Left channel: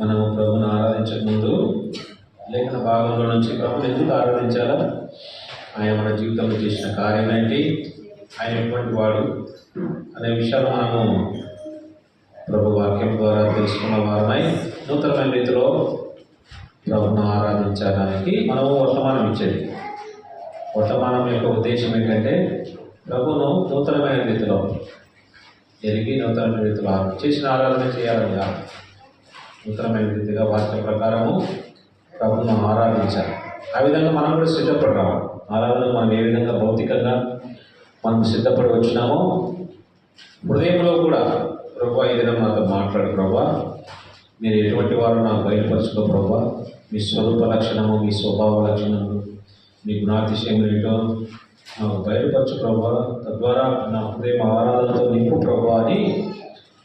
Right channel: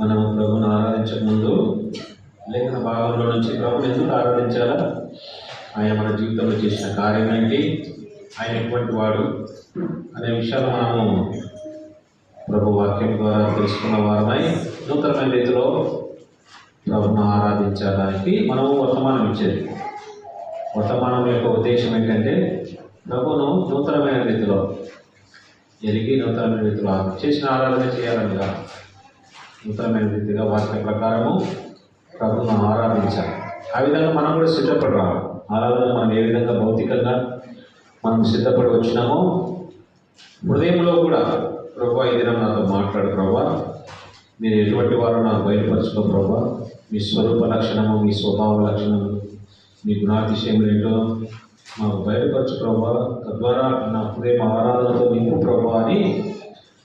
మనం ప్రభుని ఆరాధించక ముందు లేఖన భాగంలో నుంచి ప్రభు ఎందుకు ఆరాధించాలా, ఆయన మన జీవితంలో చేసిన కార్యం ఏంటి, ఆయన ఎటువంటి వాడు అనే విషయాలు మనము ప్రభు వాక్యం ద్వారా తెలుసుకున్న వారమై నూతనమైన రీతిలో ప్రభును ఆరాధించడానికి మనము వర్తమానం ఇచ్చేది. వర్తమానం యొక్క ఉద్దేశం ఏంటంటే ప్రభును నూతనమైన రీతిలో ఎరిగి నూతనమైన రీతిలో చేసిన ఆరాధన చేయాలన్నా నూతనమైన రీతిగా వాక్య ప్రకారము ప్రభును ఆరాధించాలి. ఆ విధంగా మనం కూడా సిద్ధపడి రావాలి. ఆరాధన మనం ఏ విధంగా భౌతికంగా మనం సిద్ధపడి వచ్చినామో హృదయంలో కూడా ప్రభా ఏదైనా నాతో మాట్లాడు ప్రభా, మీరు ఎటువంటి వారు నాకు బయలుపరచుకో ప్రభా, మీ స్వరూప లక్షణము, మీ స్వభావ లక్షణము, మీ గుణాతిశయములు ఏంటో మాకు బయలుపరచు ప్రభా, తద్వారా నా హృదయం ఆరాధనతో నింపు ప్రభా అని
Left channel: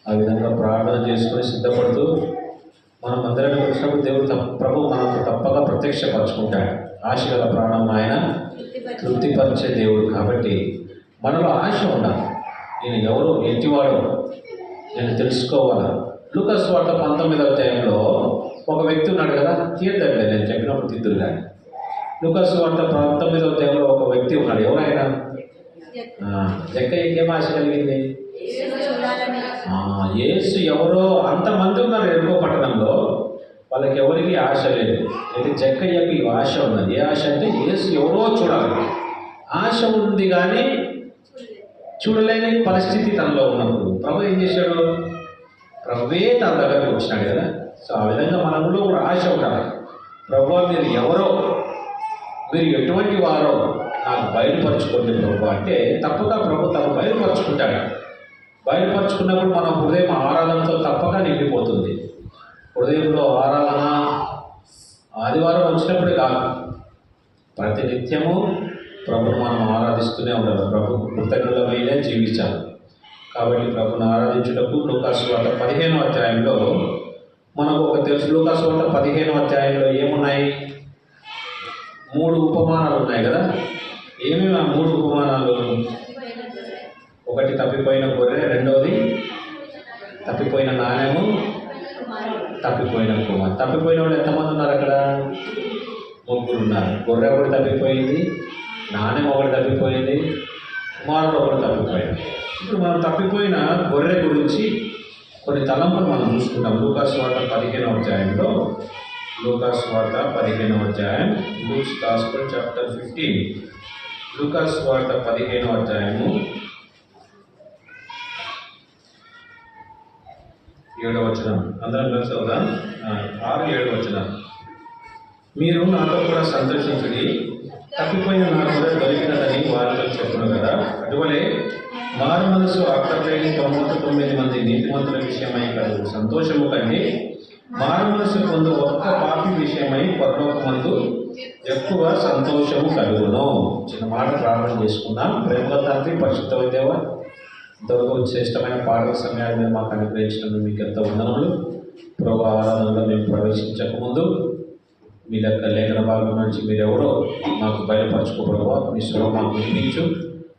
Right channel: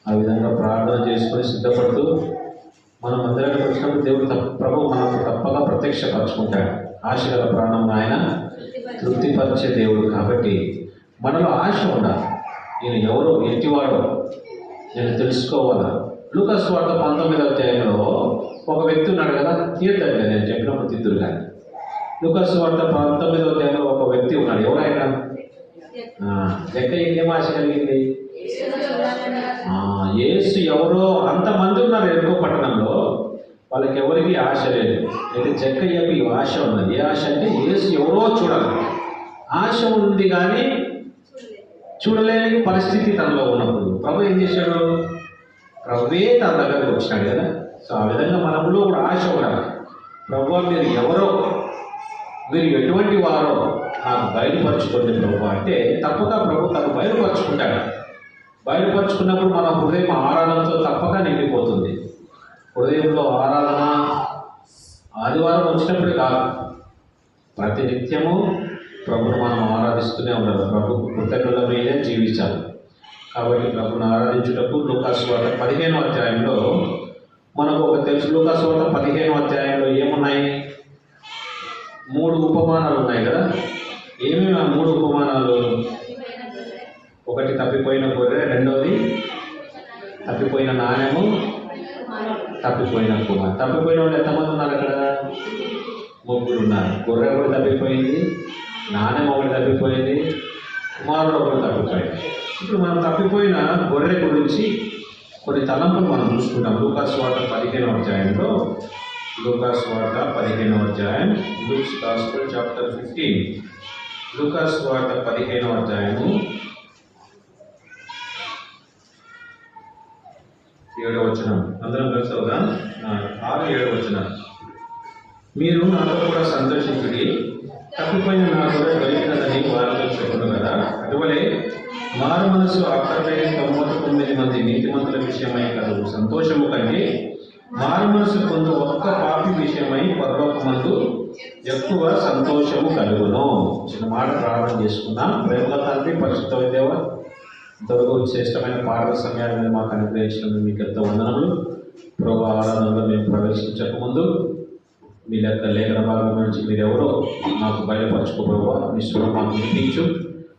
ఆ విధంగా ప్రార్థన చేసుకొని సిద్ధపడుతూ మనం అందరికీ వచ్చినప్పుడు దేవుడు ప్రభు మనకు తప్పగా ప్రత్యక్షపరచుకుంటాడు. ఆశ గల ప్రాణం ఆయన తృప్తిపరిచే దేవుడు. కాబట్టి మనలో ఆశ ఉండాలి. నేను ఎవరో ఎట్టివాడో నేను తెలుసుకోవాలా. లూకాసు వార్త 19వ అధ్యాయంలో ఒక వ్యక్తి ఉన్నాడు కదా, తీర్థం నేను చెప్పినప్పుడు తిద్దురు కానీ. లూకాసు వార్త 19వ అధ్యాయంలో ఒక వ్యక్తి ఉన్నాడు. ఎవరైనా జక్కయ్యకి ఏం ఆశ కలిగింది? యేసు ఎవరో అంతమంది ఉన్నారు ఎరుకో పట్టణంలో, వాళ్ళకి ఎవరికి ఆశ లేదు. అయితే జక్కయ్యకి ఆశ ఉన్నది. ఏ ఆశ అంటే యేసు ఎవరో చూడాలి. ఆశ ఉంది కానీ చూడలేని పరిస్థితి తనలో ఉన్నప్పుడు ప్రభు ఏం చేశాడు? ప్రభువే తన దగ్గరకు వచ్చినాడు కదా. సో ఆ విధంగా మనలో కూడా ఆశ ఉండాలి. ప్రభు మీరు ఎవరో, మీరు ఎటువంటి వారో నాకు బయలుపరచుకోండి ప్రభు అంటే తప్పక ప్రభు తను బయలుపరచుకుంటాడు. బయలుపరచుకున్నప్పుడు మన హృదయం ఆరాధనతో తప్పక నిండిపోతుంది. హృదయంలో ఆరాధన ఆదివారం వచ్చినప్పుడు కాదు, ప్రతినిత్యము ప్రభును మనం ఆరాధిస్తూనే ఉండాలి. ప్రభు కృతజ్ఞులమైనా జీవించాలి. కాబట్టి ప్రభును ఆరాధించుటకు లూకాసు వార్త 15వ అధ్యాయంలో మనకు ఒక తెలుసు. లూకాసు వార్త 15వ అధ్యాయంలో ఏమున్నాయి? 3 ఉపమానాలు ఉన్నాయి కదా. ఏమేమి ఆ 3 ఉపమానాలు? ఒకటి తప్పిపోయిన గొర్రె, రెండవది తప్పిపోయిన నాణ్యము, తప్పిపోయిన కుమార్. తప్పిపోయిన వాళ్ళు ఎంతమంది ఉన్నారు అక్కడ? 3 ఉన్నారు. గొర్రె ఒకటి తప్పిపోయింది, నాణ్యం ఒకటి తప్పిపోయింది, కుమారుడు ఒకటి తప్పిపోయింది. ఇప్పుడు మనం తప్పిపోయిన గొర్రె గురించి కొన్ని తలంపులు మనం చూసుకుంటాం. లూకాసు వార్త 15వ అధ్యాయంలో, లూకాసు వార్త 15వ అధ్యాయం, లూక్స్ గాస్పెల్ చాప్టర్ 15. లూకాసు వార్త 15వ అధ్యాయము 7వ వచనం. అందరం కలిసి కదా 6-7 వచనం. మీరు నాలో కూడా సంతోషించి తప్పిపోయిన నా కూడా దొరికినదని వారితో చెప్పను కదా. అటువలే మారు మనసు ఆకర్షణ 99 మంది నీతిమంతుల విషయమై కాదు సంతోషము కంటే మారు మనసు పొందు ఒక్క పాపి విషయమై పరలోకమందు ఎక్కువ సంతోషము కలుగును. చిన్న మాట ప్రార్థన చేసుకుందాం. ప్రేమ తండ్రి, పరిశుద్ధ దేవ, ఇంతవరకు శ్రేష్టమైన పాటల సమయాన్ని మాకు అనుగ్రహించినందుకు మీకు ఎంత వందనములు. ప్రభు ఆరాధనలో మేము ప్రవేశించకముందు మీ లేఖన భాగం నుంచి మీరెవరో మాకు బయలుపరచుకో ప్రభావ. మీ స్వరూపాన్ని వినిపించు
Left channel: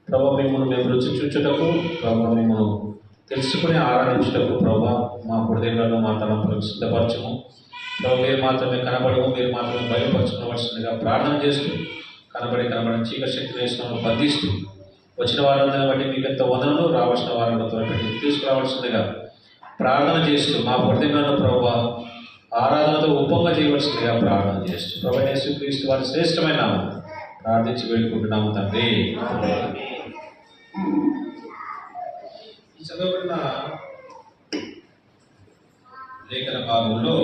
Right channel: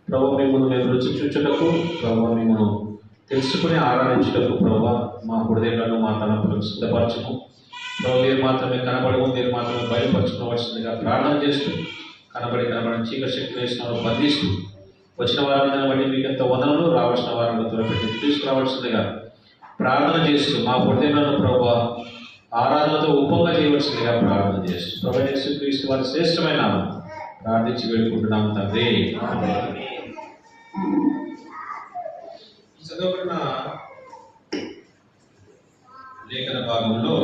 ప్రభావ. మిమ్మల్ని మేము రుచి చూచుటకు ప్రభావ, మిమ్మల్ని తెలుసుకుని ఆరాధించుటకు ప్రభావ మా హృదయంలో మా తలంపులను సిద్ధపరచము ప్రభావ. మీరు మాత్రమే కనబడము, మీరు మాత్రమే బయలుపరచుకోవాల్సిందిగా ప్రార్థన చేస్తూ కనబడి చీకటి శక్తి వేసిన బంధిస్తూ వచ్చిన వారందరిని బట్టి మీకు ఎంత వదనలు, రావాల్సిన వారిని త్వరపెట్టి తీసుకురావాల్సిందిగా ప్రార్థన చేస్తూ మా హృదయంలో ప్రభావ ఆరాధనతో ఉపంగా చేయవలసిందిగా ప్రార్థన చేస్తూ ప్రభు యేసుక్రీస్తు వారి శ్రేష్టమైన ప్రార్థించి వేడుకుంటున్నాము తండ్రి. చదవబడిన లేఖన భాగంలో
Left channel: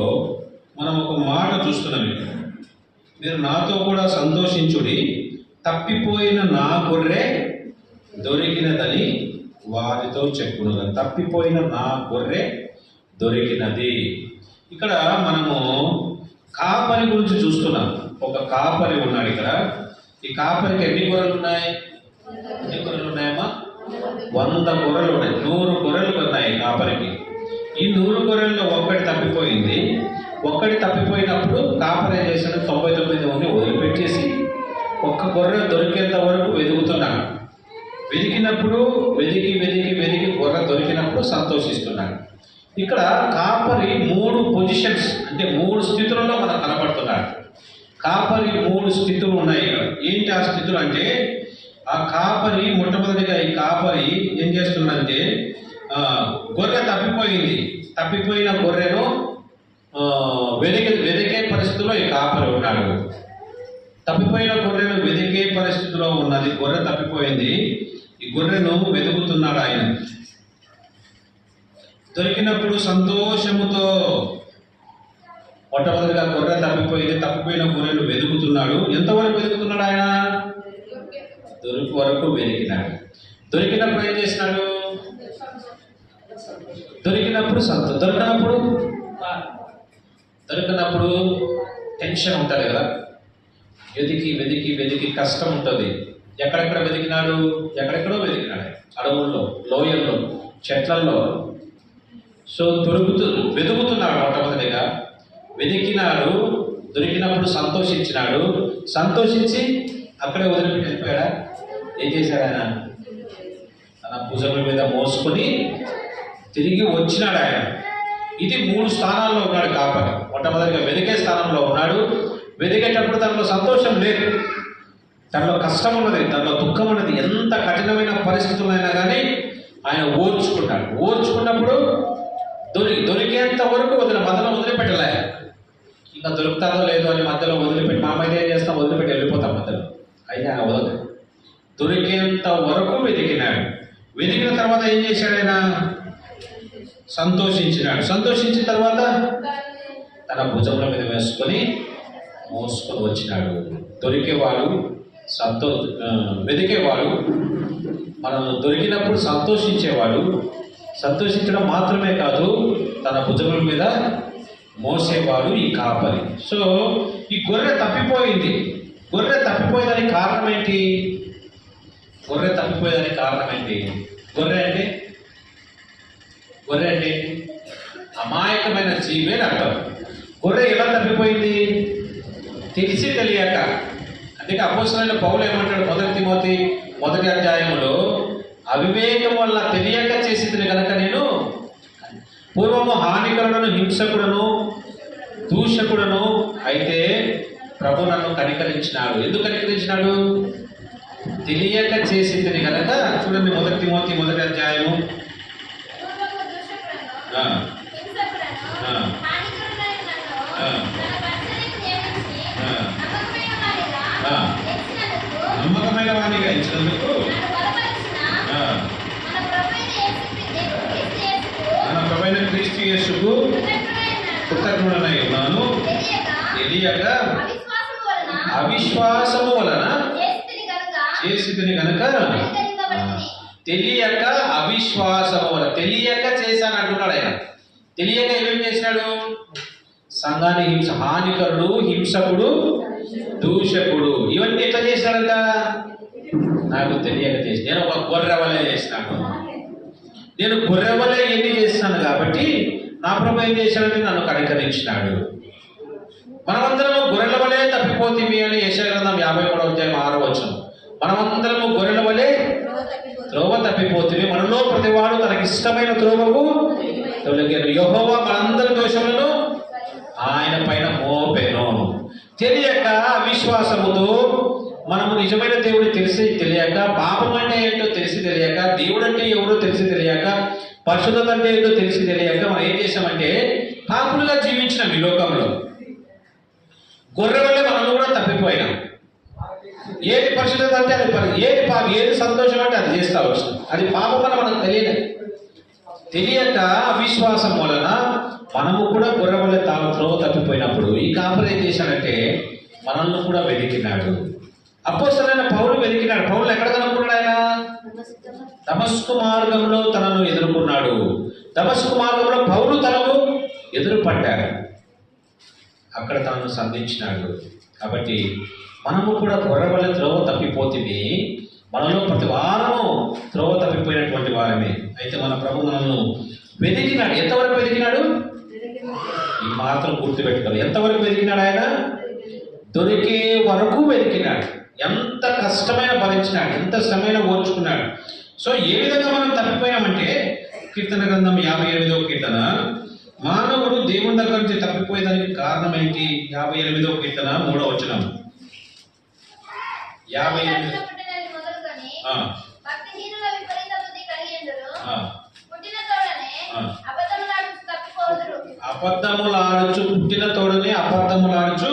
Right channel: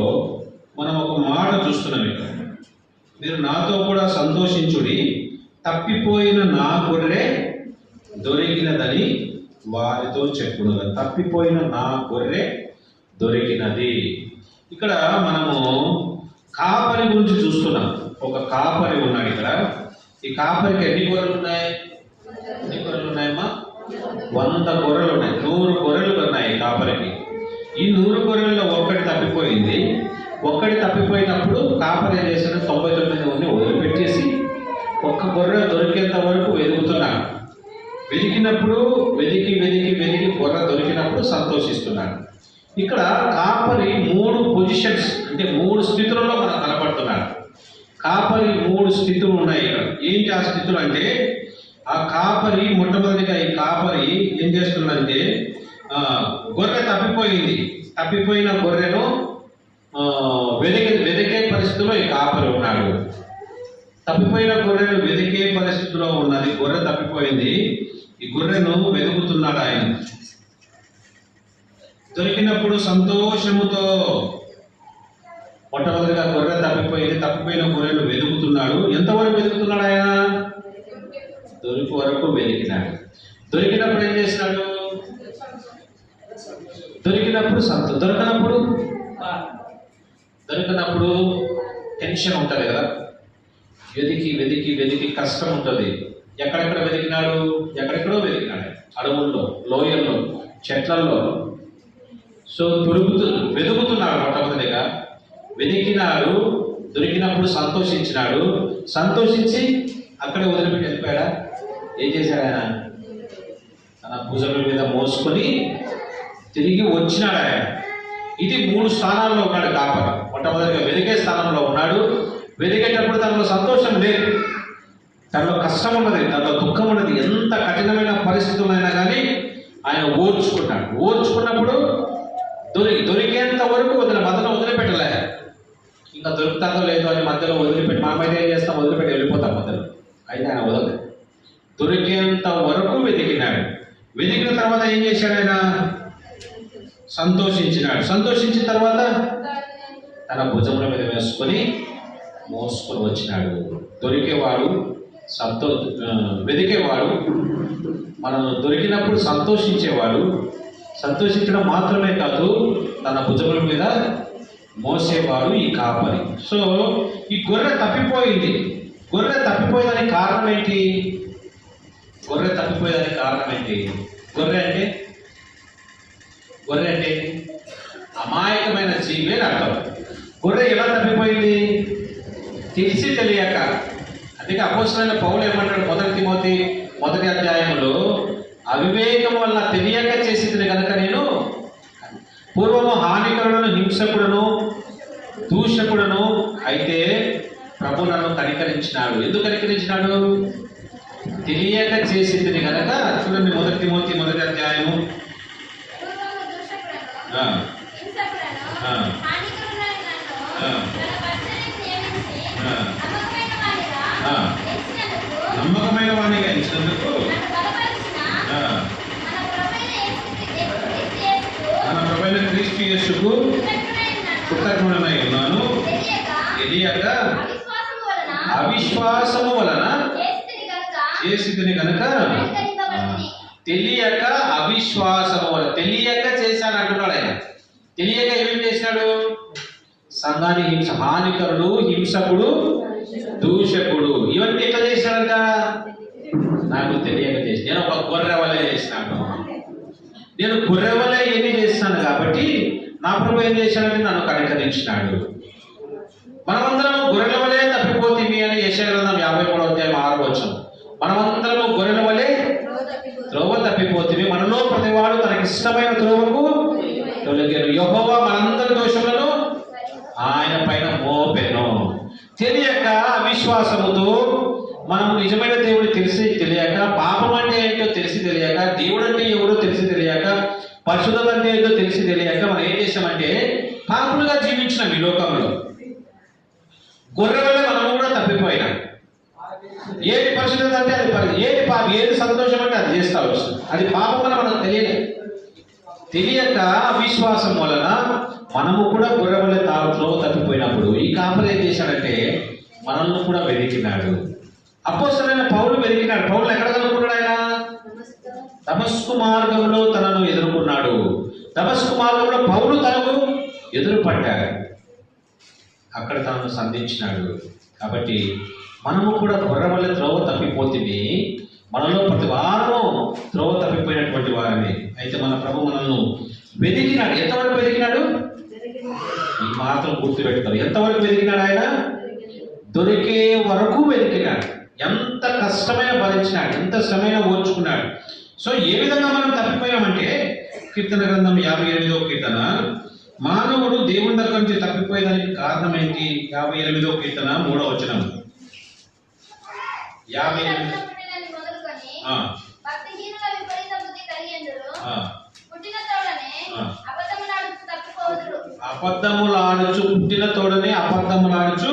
మనం ఒక మాట చూస్తున్నాం. ఇక్కడ మీరు నాతో కూడా సంతోషించుడి, తప్పిపోయిన నా గొర్రె దొరికినదని వారితో చెప్పును. తప్పిపోయిన నా గొర్రె దొరికినది. ఇక్కడ మనము కాపరి గురించి చూస్తున్నాం. ఒక కాపరి ఉన్నాడు ఇక్కడ. ఈ కాపరికి ఎన్ని గొర్రెలు ఉన్నాయి? ఎన్ని గొర్రెలు ఉన్నాయమ్మా? 100 గొర్రెలు ఉన్నాయి. 100 గొర్రెలు ఉన్నాయి కాపరికి. ఈ 100 గొర్రెల్లో ఒకటి తప్పిపోయింది. ఒక్కటి తప్పిపోయినప్పుడు కాపరి చేసిన 99 వదిలిపెట్టేసి ఒక్క గొర్రె దొరికేంత వరకు వెతుకుతున్నాడు. వెతికినప్పుడు వెతికి గొర్రె దొరికినప్పుడు సంతోషిస్తున్నాడు. ఇక్కడ కాపరి 3 పొజిషన్స్ అంటే 3 స్థితులలో మనకు కనబడుతున్నాడు. కాపరి 3 స్థితులు ఉన్నాయి ఇక్కడ. ఏంటి ఆ స్థితులు అంటే, ఆ కాపరి మొట్టమొదటిగా ఈ కాపరి ఏం చేస్తుందంటే, గొర్రె తప్పిపోయిన గొర్రెను వెదికే పరిస్థితిలో ఈ కాపరి ఉన్నాడు. తప్పిపోయిన గొర్రెను వెదికే పరిస్థితిలో ఉన్నది. గొర్రె తప్పిపోయింది, ఈ గొర్రెను వెతుకుతున్నాడు ఆయన. దొరికినప్పుడు సంతోషముతో, మొట్టమొదటిగా గొర్రె తప్పిపోయిన గొర్రెను వెతుకుతున్నాడు. ఎంతవరకు వెతుకుతున్నాడు ఆయన? దొరికి వరకు వెతికినాడు. దొరికినప్పుడు ఏం చేసినాడు? దొరికినప్పుడు టెన్షన్ ఉంటుంది కదా, వెతికి కష్టం ఉంటుంది. ఎక్కడెక్కడో వెతికినాడు. అడవుల్లో, లోయల్లో, చెట్లలో. సో వెతుకుతున్నాడు. మొట్టమొదటిగా వెతికినాడు. దొరికినప్పుడు సంతోషించి అక్కడే వదిలిపెట్టి వెళ్ళిపోయాడా? ఏం చేశాడు ఆయన? తన భుజముల మీద మోసుకొని తిరిగి వచ్చినాడు ఆయన. ఇది 3 స్థానాల్లో ఉన్నాడు కాపరి. మొట్టమొదటిగా వెతికే స్థానంలో ఉన్నాడు. వెతికేటప్పుడు తనలో సంతోషం లేదు, తనలో కష్టం ఉన్నది, తనలో దుఃఖం ఉన్నది. ఎంత కఠినమైన పరిస్థితులైనా కానీ ఆయన ఓర్చుకున్నప్పుడు దొరికేంత వరకు మధ్యలో వదిలిపెట్టలే. ఇంకా దొరుకుతాదో లేదో అని మధ్యలో వదిలిపెట్టి, మనమైతే ఏం చేస్తాం, వదిలిపెట్టి వెళ్ళిపోతాం మధ్యలో. అయితే ఆయన వదలదు. దొరికేంత వరకు వెతికినాడు. వెతికిన తర్వాత ఏం చేశాడు ఆయన? సంతోషించిన తర్వాత తన భుజముల మీద మోసుకొని వచ్చినాడు. వెతికేవాడు, మనం దొరికినప్పుడు సంతోషించడం మాత్రమే కాదు, తన భుజముల మీద మోసేవాడు ఈ కాపరి. సో ఈ గొర్రె తప్పిపోయింది. గొర్రె తప్పిపోయేదానికి కారణం ఏంటి? గొర్రె అంటే అమాయకమైన జీవే అర్థం. గొర్రె ఎలా తప్పిపోయింది? తెలిసి తెలియక. అందుకే అపోస్తలుడైన పౌలు ఏమంటాడు? 1 తిమోతి 1వ అధ్యాయంలో, అవివేకం వల్ల తెలియక చేసింది కనుక నేను పూర్వము హానికరుడను, హింసకుడను, దూషకుడను అయితే ప్రభు నన్ను కనికరించినాడు. ఎందుకు కనికరించినాడు? తెలియక చేసింది కనుక. చూడండి 1 తిమోతి 1వ అధ్యాయము. నమ్మకమైన వాడిగా ఇచ్చినందుకు క్రీస్తు యేసుకు కృతజ్ఞుడనై ఉన్నాను. తెలియక అవిశ్వాసము వలన చేసితిని కనుక. తెలియక అవిశ్వాసము వలన, తెలియక చేశాను అంటున్నాడు ఆయన. తెలియక ఏమేం చేసినాడు? సంఘాన్ని హానికరుడు, హింసకుడు, దూషకుడు, ఇవన్నీ ఎట్లా చేశాడట? నాకు తెలియక చేసి. నేను ఒక గొర్రె వలె చేసినాను. నేను గొర్రె వలె ఏమి చేస్తాను కాబట్టి నా ప్రభు ఏం చేశాడంటే నన్ను కనికరించినాడు. మనమందరము గొర్రెల వలె తప్పిపోతిమి అని యెషయా గ్రంథం 53వ అధ్యాయం 6వ వచనం. మనమందరము గొర్రెల వలె త్రోవ తప్పిపోతిమి, మనలో ప్రతివాడు తనకి ఇష్టమైన త్రోవకు తొలగెను. యెహోవా మనందరి దోషములను ఆయన పైన మోపెను. తెలియక అవిశ్వాసముతో మనము నిజమైన దేవుడు తెలిసి తెలియక, పాపం అంటే ఏంటో తెలిసి తెలియక, దేవుడు అంటే ఎవరో తెలిసి తెలియక, పరిశుద్ధత అంటే ఏంటో తెలిసి తెలియక మనం ఏం చేసామంటే పాపులుగా జీవించినాం ఈ లోకంలో. గొర్రె వల్ల మనం కూడా తప్పిపోయినాం. ఏది పరిశుద్ధత అంటే అది, ఏది సంతోషం అంటే అది చేస్తా వచ్చు. అది పాపం వల్ల మనకు తెలియక అవిశ్వాసం వలన మనము కూడా గొర్రె వల్ల త్రోవ తప్పిపోయినప్పుడు ఈ కాపరి ఏం చేశాడంటే మనల్ని కూడా వెతికినాడు. అపోస్తలుడైన పౌలు వెతికినాడు. పౌలు ఎక్కడ కనుక్కున్నాడు? ఆయన దమస్కు మార్గంలో తనను ఎదుర్కొన్నాడు. దమస్కు మార్గంలో పౌలు తనకు ఎదురుపడ్డాడు. అక్కడ తనను సంధించినాడు. కాబట్టి మనము కూడా గొర్రె వల్ల త్రోవ తప్పిపోతుంది. మనలో ప్రతి వారము త్రోవ తప్పిపోయినటువంటి వారమే. అయితే మన ప్రభు మనల్ని వెతికినాడు. ఎంతవరకు వెతికినాడు? ఈ మాత్రం గుర్తుపెట్టుకోవాలి. ఎంతవరకు వెతికినాడు? ఆయన దొరికే వరకు వెతికినాడు. ఎంత కష్టమైన భరించినాడు, ఎంత శ్రమైన ఓర్చుకున్నాడు. సో ఏ విధంగా మనం తప్పిపోయామంటే కీర్తన గ్రంథం 58వ కీర్తన మానవుడు దేవుని దగ్గర నుంచి తప్పిపోయేదానికి కారణం ఏంటి? 58వ కీర్తన 3వ వచనం. 58. అబద్ధములాడుచు పుట్టిన తోడనే అబద్ధములాడుచు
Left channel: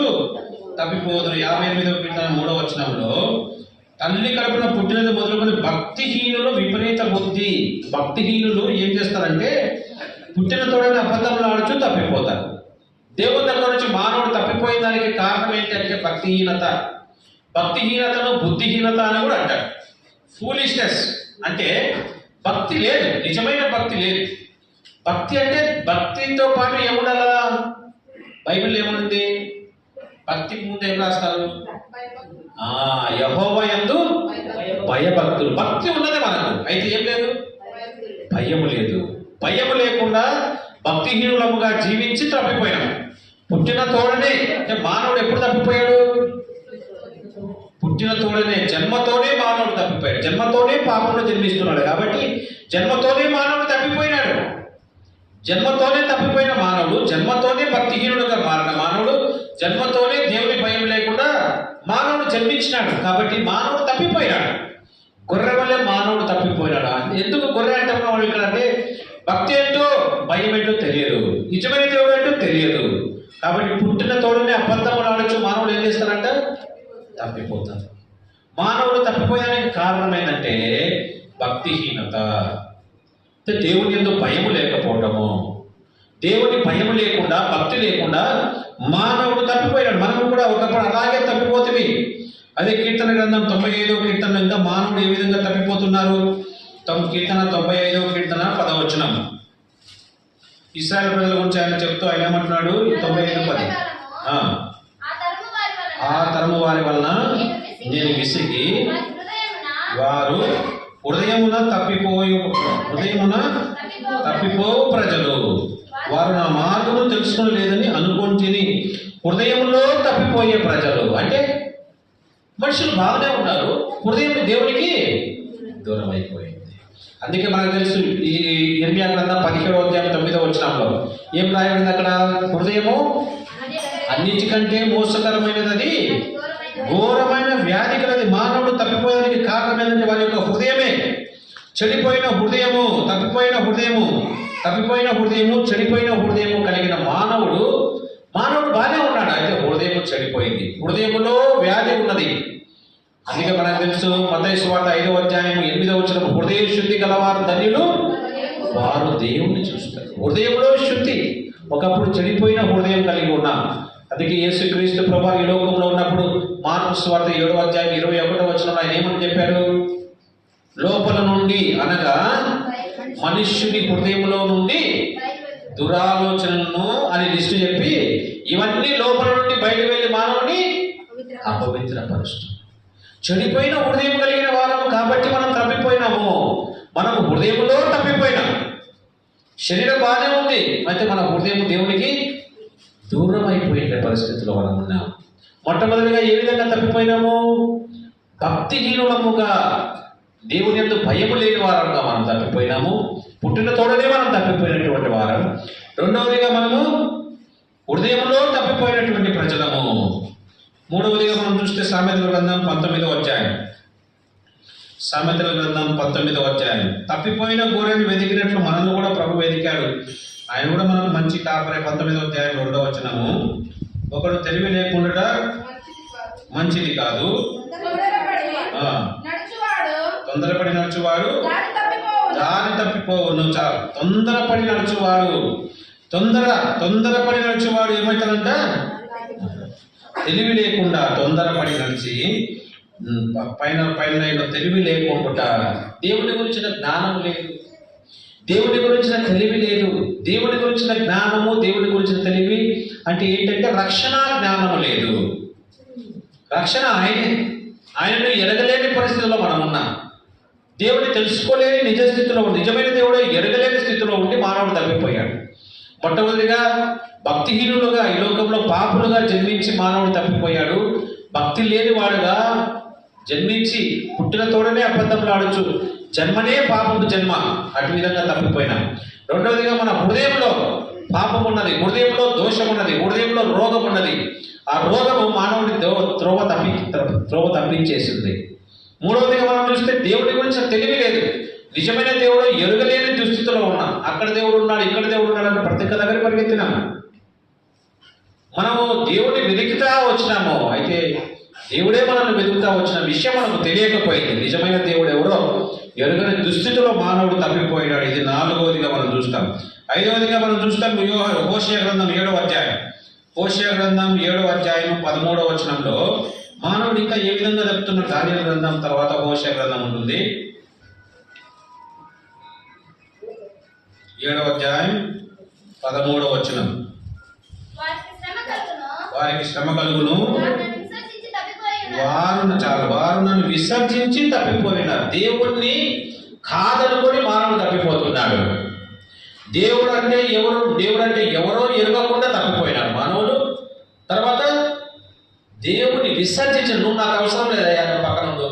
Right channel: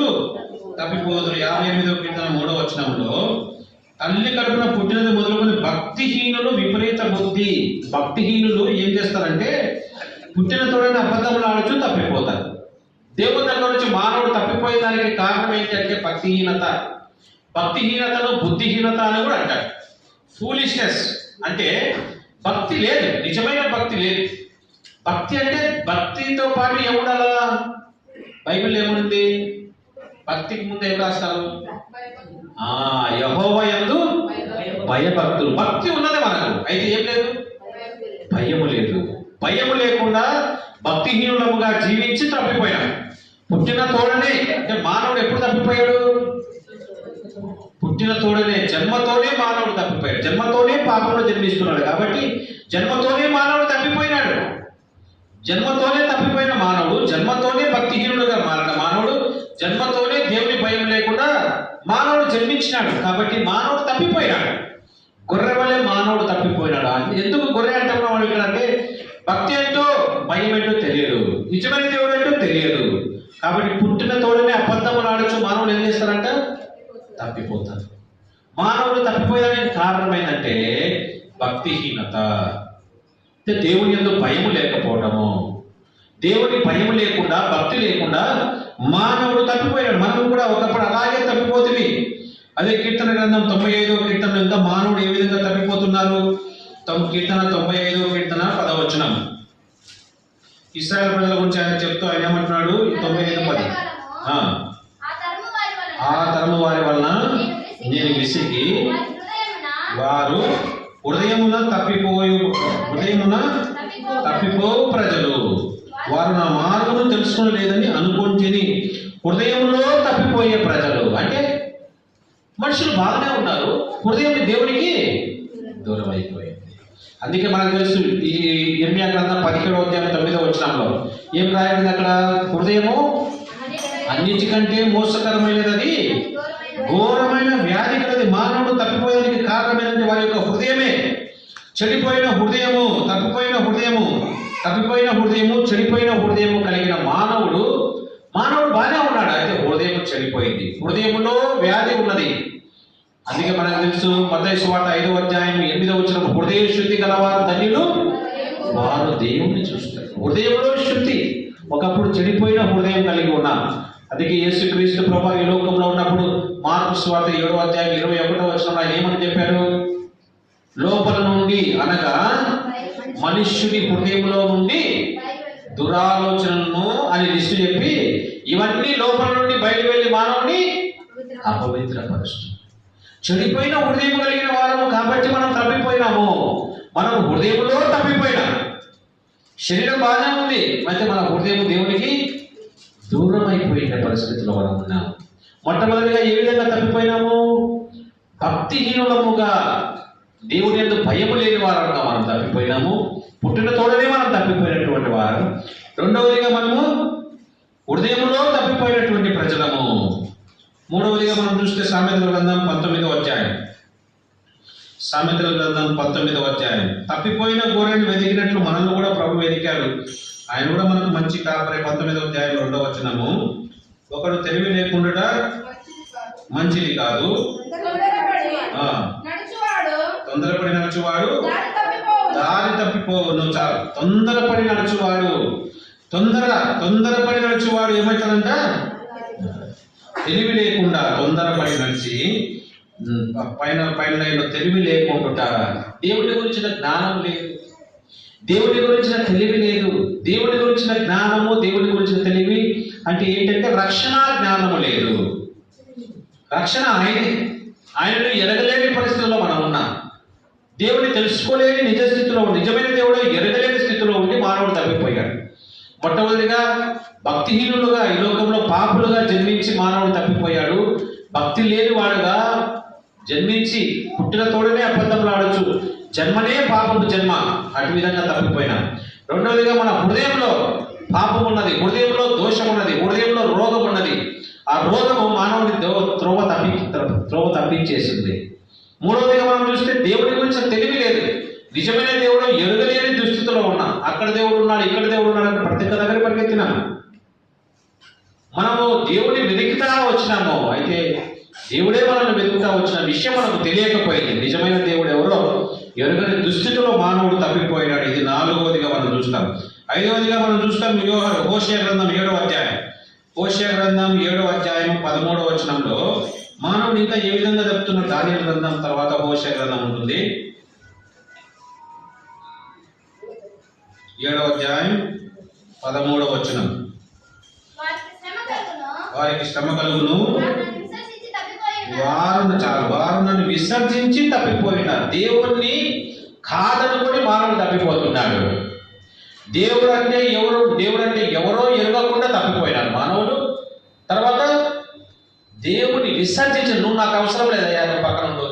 తప్పిపోదురు. 58వ కీర్తన 3వ వచనంలో తల్లి కడుపున పుట్టినది మొదలుకొని భక్తిహీనులు విపరీత బుద్ధి. భక్తిహీనులు ఏం చేస్తారంటే పుట్టిన తోడని అబద్ధములాడుచు తప్పిపోతారు. దేవుని దగ్గర నుంచి మానవుడు తప్పిపోయేదానికి కారణం ఏంటంటే భక్తిహీనత. భక్తిహీనతను బుద్ధిహీనత అని కూడా అంటారు. ఫూలిష్నెస్ అంటే భక్తి లేదు, నిజమైన భక్తి లేదు. భక్తి అంటే భక్తితో పాటు ఏముండాలా? బైబిల్ ఏముంది? భక్తికి ముందు ఏం రాస్తారు? యెహోవా యందు భయభక్తులు. భక్తి ఉన్నది మనకు, అయితే ఏం లేదు? భయం లేదు. భయం లేకుండా భక్తిహీనులముగా జీవించి తప్పిపోయాడు. పుట్టిన తోడనే అంటే మానవుడు ఎప్పుడు తప్పిపోయాడు? పుట్టిన తోడనే, జన్మతోనే మానవుడు తప్పిపోయాడు. జన్మతోనే పాపంలో జన్మిస్తున్నాడు కాబట్టి జన్మతోనే మానవుడు తప్పిపోయినాడు. జన్మతోనే తప్పిపోయిన మానవుడు, జన్మతోనే భక్తిహీనుడుగా మారిన మానవుడు, జన్మతోనే దేవుని భయం లేకుండా మానవుడు జన్మించినాడు కాబట్టి మానవుడు తప్పిపోయాడు. గొర్రె వల్లే మానవుడు తప్పిపోయినాడు. ఎందుకు గొర్రె అంటున్నాడు ఇక్కడ అంటే భక్తి ఏంటో భయం ఏంటో తెలియదు, నిజమైన దేవుడు ఏంటో తెలియదు. కాబట్టి పుట్టిన తోడనే అబద్ధములు ఆడచ్చు మానవుడు ఏం చేస్తారంట? తప్పిపోతారు. మానవుడు తప్పిపోయానికి కారణం ఏంటంటే భక్తిహీనత. దేవుని యందు భయం లేకపోవడము. దేవుని భయం లేకుండా, భక్తి లేకుండా మానవుడు తప్పిపోయాడు. మనం కూడా ఒకప్పుడు అలాగే తప్పిపోతుంది. అదే కీర్తన గ్రంథం 95వ కీర్తన ఇంకా మానవుడు ఏ విధంగా తప్పిపోతున్నారు? కీర్తన 95వ కీర్తన 10వ వచనం. ఇశ్రాయేలు ప్రజల గురించి ఆయన చెప్తూ ఆయన ఏమంటున్నాడు? 95:10. ఆ తరము వారి వలన నేను విసిగి వారు హృదయమున తప్పిపో ప్రజలు వారు నా మార్గము తెలుసుకోలేదని అనుకుంటుని. హృదయంలో తప్పిపోయే ప్రజలు అంటే మనుషులు బాగానే ఉన్నారు, హృదయం దేవునికి దూరం అయిపోయింది. అందుకే మనకు తెలుసు ఈ ఇర్మియా గ్రంథం 17వ అధ్యాయం 9వ వచనంలో ఏం రాయబడింది అక్కడ? హృదయము అన్నిటికంటే మోసకరమైనది, ఘోరమైన వ్యాధి కలది. మానవుడు తప్పిపోయేందుకు కారణమైనది వారి యొక్క హృదయమే. చెడిపోయిన హృదయము, తప్పిపోయిన హృదయము, చెడిపోయిన హృదయము కలిగిన మానవుడు బాగానే ఉన్నాడు, అయితే హృదయం చెడిపోయింది, హృదయంలో వ్యాధి ఉన్నది. అందుకే మనకు తెలుసు మత్తయి సువార్త 5వ అధ్యాయం 8వ వచనం, హృదయ శుద్ధి గలవారు ధన్యులు వారు దేవుణ్ణి చూస్తారు. హృదయంలో శుద్ధి. ఒకప్పుడు చెడిపోయిన హృదయం కలిగి ఉన్నాం. అందుకే యేసుక్రీస్తు ప్రభువు ఈ లోకంలో ఉన్నప్పుడు మార్కు సువార్త 7వ అధ్యాయం 21వ వచనంలో ఆయన ఏమని చెప్పారు? లోపల నుండి అనగా మనుష్యుడి హృదయంలో నుండి దురాలోచనలను అని లిస్టు చెప్పి ఇవన్నీ లోపల నుండి బయట వెళ్ళి మానవుని అపవిత్రపరుస్తుంది. చెడిపోయిన హృదయం కలిగిన వారము కాబట్టి మనం తప్పిపోయినాము. మనం హృదయంలో తప్పిపోయినా. శరీరం బాగానే ఉంది, అయితే మన హృదయం దేవునికి దూరం అయిపోయిన పరిస్థితిలో ఉన్నాం. మొట్టమొదటిగా ఏ విధంగా తప్పిపోయినాము? భక్తిహీనులముగా, దేవుని యందు భయం లేని వారంగా మనం తప్పిపోయినాము. పుట్టిన తోడనే మనం తప్పిపోయినటువంటి వారు. రెండవదిగా మనము హృదయంలో తప్పిపోయినటువంటి ప్రజలము. మూడవదిగా మనం చూస్తే సామెతల గ్రంథం 19వ అధ్యాయం. సామెతల గ్రంథం 19వ అధ్యాయం. తప్పిపోయిన గొర్రెను వెతికినట్లు మనల్ని కూడా ప్రభు వెతికాడు. ఆయన కూడా మనకు మంచి కాపరే. 19వ అధ్యాయం 2వ వచనము, ఒకడు తెలివి లేకుండా మంచిది కాదు, తొందరపడి నడుచువాడు దారి తప్పిపోవును. చాలు, తొందరపడి నడుచువాడు, తొందరపడి నడుచువాడు ఏమవుతాడంట? తెలివి లేకుండా తొందరపడి నడిచి పైన తెలివి లేకుండా, దేవుడి గురించిన జ్ఞానం లేదు, దేవుడి గురించిన తెలివి లేదు. దేవుడి గురించిన జ్ఞానము, దేవుడి గురించిన తెలివి అంటే ఏంటంటే రక్షణ జ్ఞానము లేదు. రక్షణ ఆయనను ఎరగలేని పరిస్థితుల్లో మనం ఉన్నాం. దేవుడిని తెలుసుకోలేని నిజ స్థితిలో, నిజమైన దేవుడు ఎరగలేని స్థితిలో ఉండి మానవుడు తప్పిపోయాడు. మొట్టమొదటిగా భక్తిహీనులుగా, ఈ లోకంలో పాపులుగా జన్మించి మానవుడు తప్పిపోయాడు. భక్తి లేని వాడుగా జన్మించి పుట్టిన తోడనే అబద్ధములు ఆడొచ్చు, జన్మనే పాపపు జన్మ, అటు విధంగా తప్పిపోయినా. రెండవదిగా మన హృదయంలో పాపం ఉన్నది, హృదయంలో దోషం ఉన్నది, హృదయంలో రోగం ఉన్నది. ఆ రోగము మానవుని త్రోవ తప్పించేసింది. మూడవదిగా మనం చూస్తే దేవుడి గురించి తెలివి లేదు. నిజమైన దేవుడు ఎరుగలేని దుస్థితిలో ఉన్నా, అక్కడ దేవుడు ఉన్నాడు, ఇక్కడ దేవుడు ఉన్నాడు అని ప్రతి ఒక్క దగ్గర పరిగెత్తినా. మనము దేవుడిని వెతుకుతా వచ్చినాము, అయితే దేవుడే మనల్ని వెతుకుతా వచ్చిన విషయం మనకు తెలియకపోయింది. నిజమైన దేవుడు ఎవరో ఎరుగని దుస్థితిలో మానవుడు తప్పిపోయినాడు. ఇది నాలుగవదిగా మనం చూస్తాం. ఐదవదిగా మనం చూస్తాం హోషేయ గ్రంథం 7వ అధ్యాయం. హోషేయ గ్రంథం 7వ అధ్యాయం 13వ వచనంలో మానవుడు ఇంకా ఏ విధంగా చెప్తున్న దానియేలు గ్రంథం తర్వాత హోషేయ గ్రంథం ఉంటుంది. 7వ అధ్యాయం 13వ వచనం. వారికి శ్రమ కలుగును, వారు నన్ను విసర్జించి తప్పిపోయినారు. దేవుణ్ణి కాదనుకొని మానవుడు తప్పిపోతున్నాడు. దేవుడు అంటే ఎవరో ఎరగకుండా తప్పిపోయినారు మానవుడు. తర్వాత దేవుని విసర్జించి, నువ్వు నాకు అవసరం లేదా, పక్కన ఉండు,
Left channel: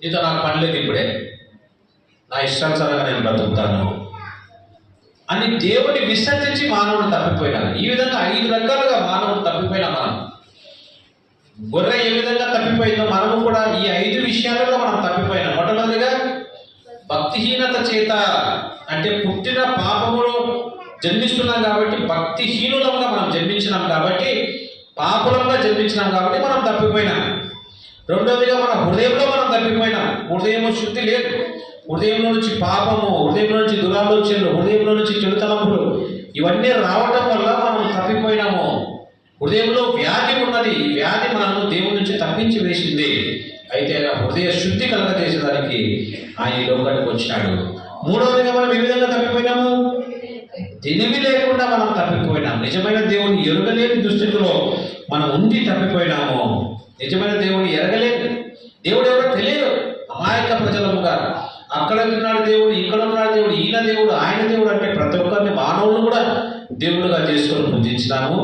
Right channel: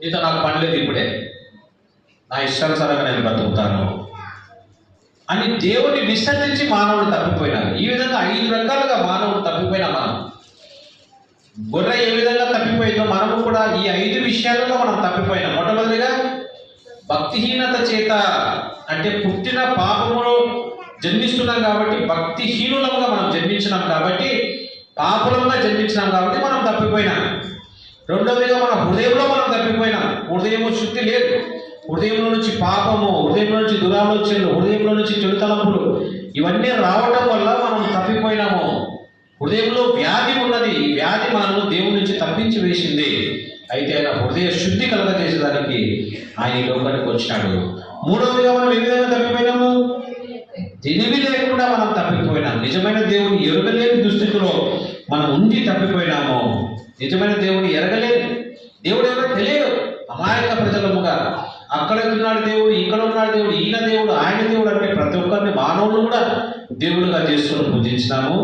నీతో నాకు పని లేదు, ఇప్పుడే నా ఇష్టానుసారంగా నేను బ్రతుకుతాను అని దేవుడిని విసర్జించి మానవుడు తప్పిపోయినారు. ఈ విధంగా 5 రకాలుగా మానవుడు తప్పిపోయినా మనం. గొర్రె ఏ విధంగా తప్పిపోయిందో మనము కూడా ఈ 5 విషయాలలో మనం తప్పిపోయినాం. మొట్టమొదటిగా భక్తిహీనత చేత, అంటే పుట్టిన పాపములో జన్మిస్తున్నాం కాబట్టి, భక్తిహీనులంగా మనం జన్మించినాం కాబట్టి, పాపులంగా జన్మించినాం కాబట్టి మనం తప్పిపోయినాం. రెండవదిగా మన హృదయంలో మనం తప్పిపోయినాం. హృదయం శుద్ధి లేదు. హృదయంలో నుంచి పాపము, హృదయంలో నుంచి దురాలోచనలు, హృదయంలో నుంచి చెడు తలంపులు ఇవన్నీ రావడం వల్ల మనం తప్పిపోయినాము. హృదయంలో వ్యాధి ఉన్నది. ఈ వ్యాధి మనము దేవుడి నుంచి తప్పించి వేసింది. అయితే హృదయ శుద్ధి కలగజేసేదానికి ఆయన ఈ లోకానికి వచ్చినాడు. మూడవదిగా మనం ఏ విధంగా తప్పిపోయినాము? తెలివి లేకుండా మనం తప్పిపోయినాం. నిజమైన దేవుని ఎరగలేని దుస్థితిలో మనం ఉండి తప్పిపోయినాము. నిజమైన దేవుడు ఎరగలేదు, దేవుడు ఎవరో తెలియదు. అమాయక ప్రజలముగా అక్కడ ఉన్నాడు దేవుడు, ఇక్కడ ఉన్నాడు దేవుడు, ఈయన దేవుడు, ఆయన దేవుడు అంటే ప్రతి ఒక్కరిని మానవులను కూడా దేవుడుగా చేసుకొని పూజించినాము.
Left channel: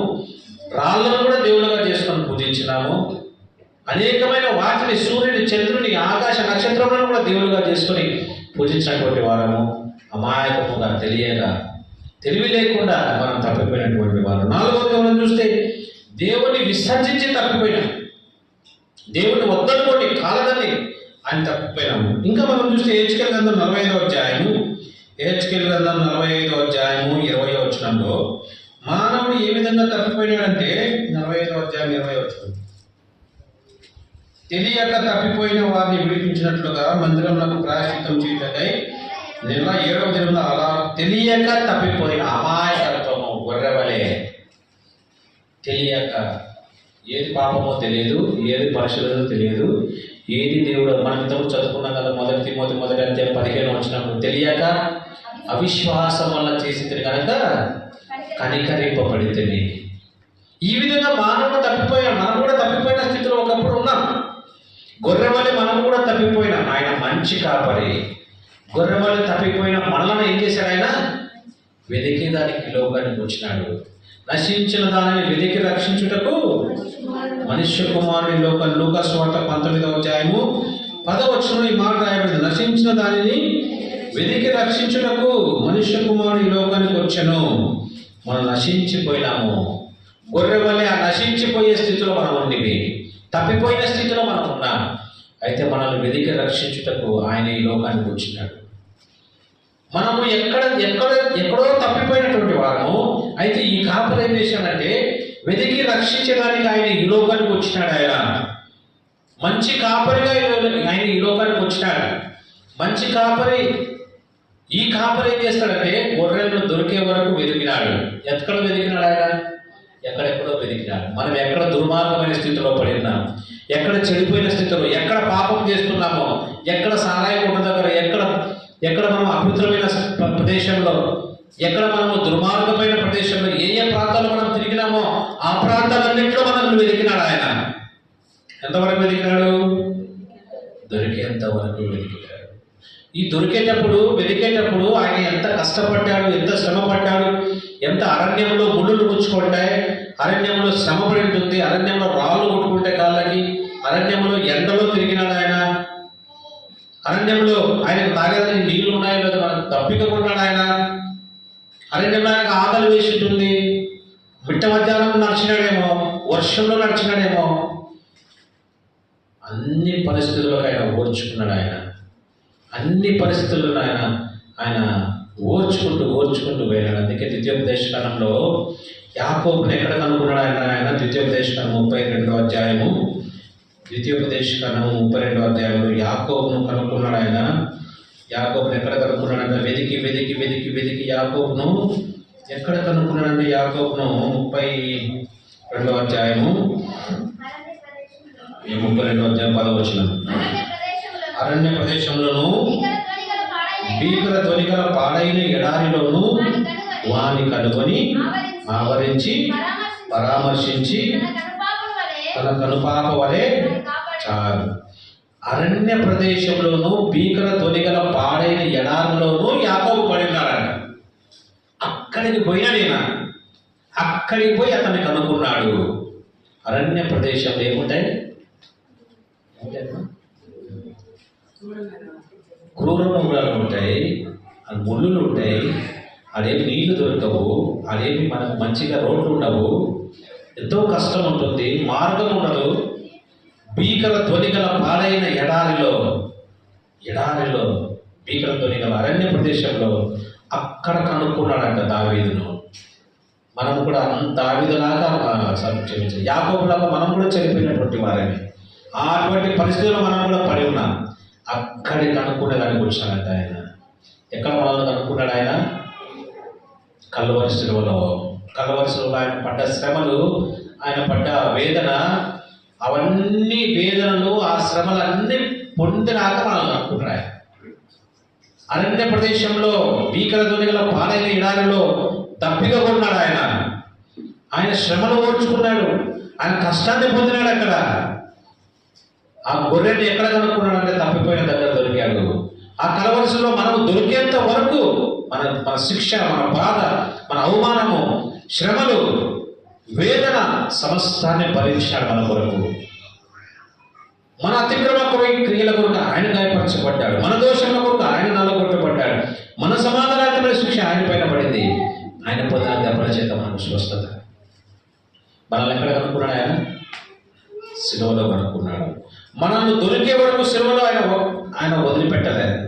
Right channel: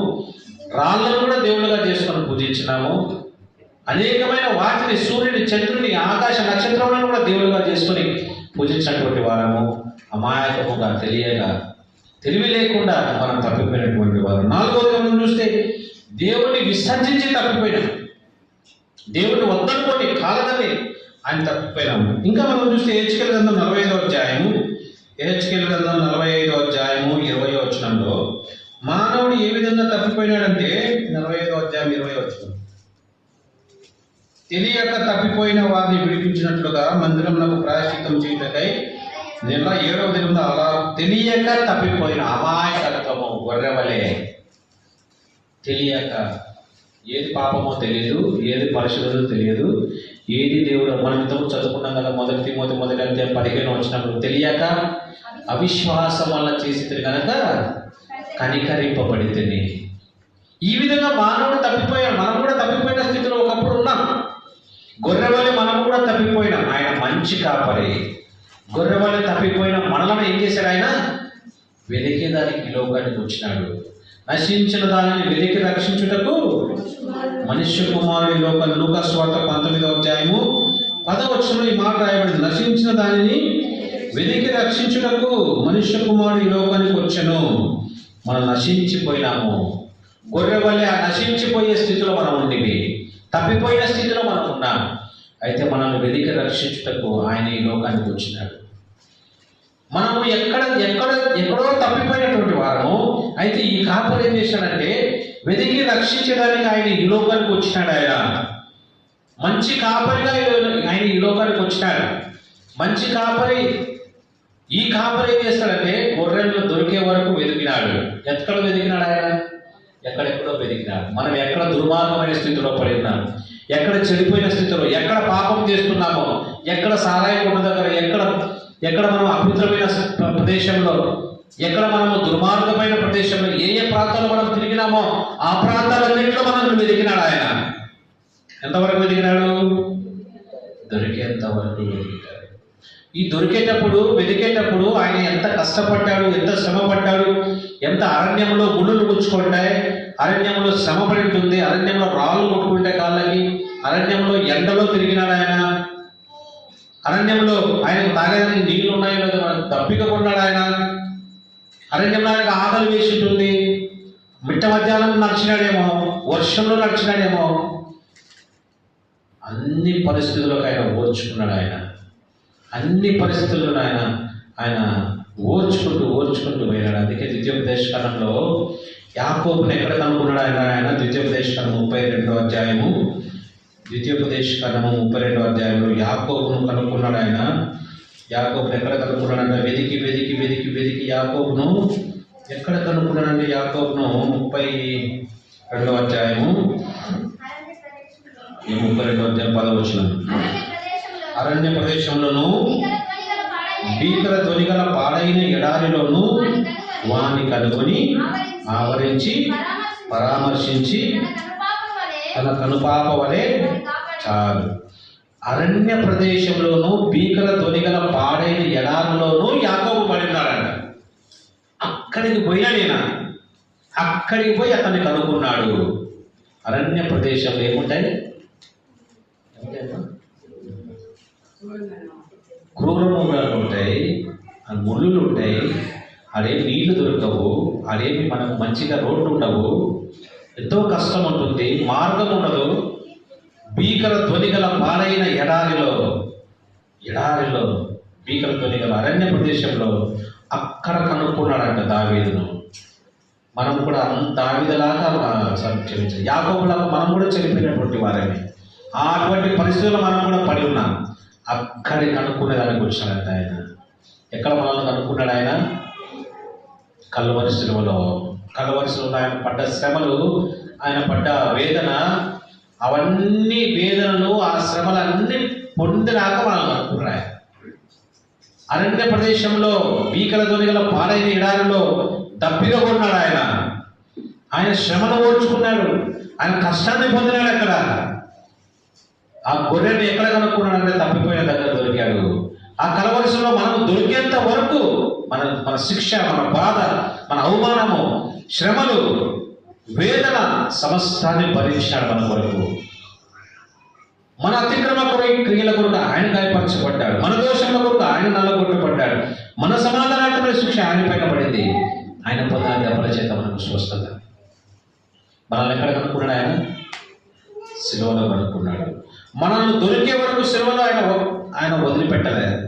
రాళ్ళను కూడా దేవుడుగా చేసుకొని పూజించినాము. అనేకమైన వాటిని, సూర్యుని, చంద్రుని, ఆకాశ నక్షత్రాలను కూడా దేవుడుగా చేసుకొని పూజించినటువంటి వారము. అమాయకముగా తెలివి లేకుండా మనం తప్పిపోయినటువంటి వారు. నాలుగవది మనం చూస్తే దేవుని విసర్జించి తప్పిపోయినాం. దేవుని వద్దనుకొని కాలదని ఆయన తప్పిపోయినాము. ఇంకా మనం చూస్తే హెచ్కేల్ గ్రంథం 45వ అధ్యాయము, హెచ్కేల్ గ్రంథం 45వ అధ్యాయము 20వ వచనంలో మానవుడు ఏ విధంగా తప్పిపోయినాడంటే, 45వ అధ్యాయం 20వ వచనం, తెలియక తప్పిపోయిన వారిని విడిపించినట్లుగా మందిరంలో ప్రాయశ్చిత్తం చేయటకై నెల 7వ దినం అలా తెలియక తప్పిపోయిన అమాయకత్వము, గొర్రెవలే తెలియక, ఏది పాపమో తెలియదు, ఏది పరిశుద్ధతో తెలియదు, ఏది దేవుడు. మనం ఇంతకు చదువుకున్నాం కదా, మొదటి తిమోతి 1వ అధ్యాయం 15వ వచనంలో, తెలియక అవిశ్వాసం వల్ల చేసింది కనుక కనికరింపబడితేనే. ఈ విధంగా మానవుడు తప్పిపోయాం. మనం కూడా తప్పిపోయిన స్థితిలో ఒకప్పుడు ఉన్నాం. గొర్రెవలి మనం కూడా తప్పిపోయినాం. ఆయన మంచి కాపరి. గొర్రెవలి తప్పిపోయిన మనలను ఏం చేశాడు? ఆయన వెతికి దానికి లోకానికి వచ్చినాడు. నశించిన దానిని వెతికి రక్షించుటకు మనుష్య కుమారుని లూకా సువార్త 19వ అధ్యాయము 10వ వచనంలో ఈ మాట రాయబడింది. నశించిన దానిని వెతికి రక్షించుటకు మనుష్య కుమారుని లోకానికి వచ్చెను. మనం నశించిపోయినాము. గొర్రె వల్లే ఆ నశించిపోయే స్థితిలో మనం ఉండివి, తప్పిపోయిన స్థితిలో మనం ఉన్నాం. అయితే మనల్ని వెతికి రక్షించుటకు ఆయన ఈ లోకానికి వచ్చినాడు. మనము ఎక్కడో తప్పిపోయినటువంటి వారము. అయితే ఈ కాపరి ఏం చేశాడంటే, వెతికి రక్షించడానికి ఆయన ఈ లోకానికి వచ్చినాడు. ఆయన మంచి కాపరిగా ఆయన ఈ లోకానికి వచ్చినాడు. మంచి కాపరి. ఈ కాపరి ఏం చేస్తాడంటే, గొర్రెలను దొరికే వరకు వెతికినాడు. ఎక్కడ వెతికినాడు? ఆయన ఎక్కడెక్కడో వెతికినాడు. మనం ఎక్కడ దుర్మార్గమైన స్థితిలో పడినాం, ఎక్కడ చెడిపోయిన స్థితిలో, ఎక్కడ పాపం చేస్తున్నామో, ఎక్కడ సారాయి కొట్టు దగ్గర, ఎక్కడ మనం అపవిత్రమైన ప్రదేశంలో, ఎక్కడ మనము దుర్మార్గమైన ప్రదేశంలో, ఏ ప్రాంతాల్లో మనం తిరిగినామో ఆ ప్రాంతాలన్నింటిలో మనం వెతికినాడు. ఆయన ఎంతవరకు వెతికినాడు? దొరికేంత వరకు వెతికినాడు. ఈ వెతికేటప్పుడు ఆయన ఎంత కష్టపడ్డాడు, ఎంత శ్రమ పడ్డాడు, ఎంత అరణ్యంలో ముళ్ళు గుచ్చుకుంటాయి, అరణ్యంలో శ్రమ పడి ఉంటుంది, అరణ్యంలో రాళ్ళు కొట్టుకుంటే కాళ్ళకి, అరణ్యంలో ఎండలో తిరిగినాడు. ఆయన అరణ్యంలో ఆయన తాగడానికి నీళ్లు ఉన్నాయో లేదో మనకు తప్పిక కొన్నాడు. ఆయన అరణ్యంలో ఆయనకు ఆకలి వేసి ఉంటుంది, మిట్ట మధ్యాహ్నం నడిచినాడేమో, వర్షంలో నడిచినాడేమో, అన్ని పరిస్థితుల్లో ఆయన ఓర్చుకున్నాడు. అన్ని పరిస్థితుల్లో ఆయన ఓర్చుకుంటూ వెళ్ళాడు. అందుకే ద్వితీయోపదేశకాండంలో యాకోబుని ఎక్కడ కనుక్కున్నాడు ఆయన ద్వితీయోపదేశకాండం 32వ అధ్యాయము, ద్వితీయోపదేశకాండము 32వ అధ్యాయంలో యాకోబును కనుక్కున్నాడు ఆయన. యాకోబును ఎక్కడ కనుక్కున్నాడంటే వెతికి యాకోబును ఎక్కడ కనుక్కున్నాడంటే యాకోబును 32వ అధ్యాయము 32వ అధ్యాయం 10వ వచనం. అరణ్య ప్రదేశంలోను భీకర ధ్వనిగల పాడైన ఎడారిలోను వాని కనుగొని ఆవరించి పరామర్శించి తన కనుపాప వలె చాలు. అరణ్య ప్రదేశంలోను భీకర ధ్వనిగల పాడైన ఎడారిలోను యాకోబు పడినాడంట. అక్కడికి పోయి అతన్ని కనుక్కున్నాడు. అరణ్య ప్రదేశంలో ఏముంటాయి? క్రూర మృగాలు ఉంటాయి, ముళ్ళులు ఉంటాయి, అదేమి నీళ్లు దొరకవు, అదేమి మనకు మంచిగా రోడ్లు ఉండవు, ఎంతో కష్టం ఉంటుంది, మార్గం ఉండదు. భీకర ధ్వనిగల పాడైన ఎడారిలో భీకర ధ్వనిగల అరణ్య ప్రదేశంలో అక్కడ కనుక్కున్నాడంట దావీదును. మనం కూడా దావీదులాగా యాకోబులాగా మనం కూడా చనిపోయినటువంటి వారమే. అటువంటి పరిస్థితుల్లో మనం కూడా పడి ఉన్నాం. అక్కడి కనుక్కునే దానికి వచ్చాడంట ఆయన. ఎక్కడ మనల్ని కనుక్కున్నాడు ఆయన? కల్వరి శిలువలో ఆయన పడ్డ శ్రమలు, ఆయన పడ్డ వేదన, అవన్నీ వేదనలు, ఆ శ్రమలన్నీ పొందినాక మనల్ని కనుక్కున్నాడు. అరణ్య ప్రదేశంలో భీకర ధ్వనిగల పాలైన ఎడారిలో దప్పిగా ఉన్నాడు ఆయన శ్రమను ఓర్చుకున్నాడు, ఆయన కష్టాన్ని పొందినాడు. అక్కడ ఆ గొర్రెని ఎక్కడ కనుక్కున్నాడు అంటే తప్పిపోయిన దగ్గర దొరికాడు. ఆ కలవరిశిలో మనకు దొరికేంత వరకు మన శిక్ష, మన బాధ, మన అవమానము, శ్రమలు, వేదన సమస్తాన్ని భరించినాడు మన కొరకు. మన అతిక్రమ క్రియల కొరకు ఆయన గాయపరచబడ్డాడు, మన దోషముల కొరకు ఆయన నల్లగొట్టబడ్డాడు, మన సమాధానాత్మక శిక్ష ఆయన పైన పడింది. ఆయన పొందిన దెబ్బల చేత మనకు స్వస్థత. మనల్ని ఎక్కడ కనుక్కున్నాడు? శిలువలో కనుక్కున్నాడు. మనల్ని దొరికే వరకు శిలువలో ఆయన వదిలిపెట్టలేదు.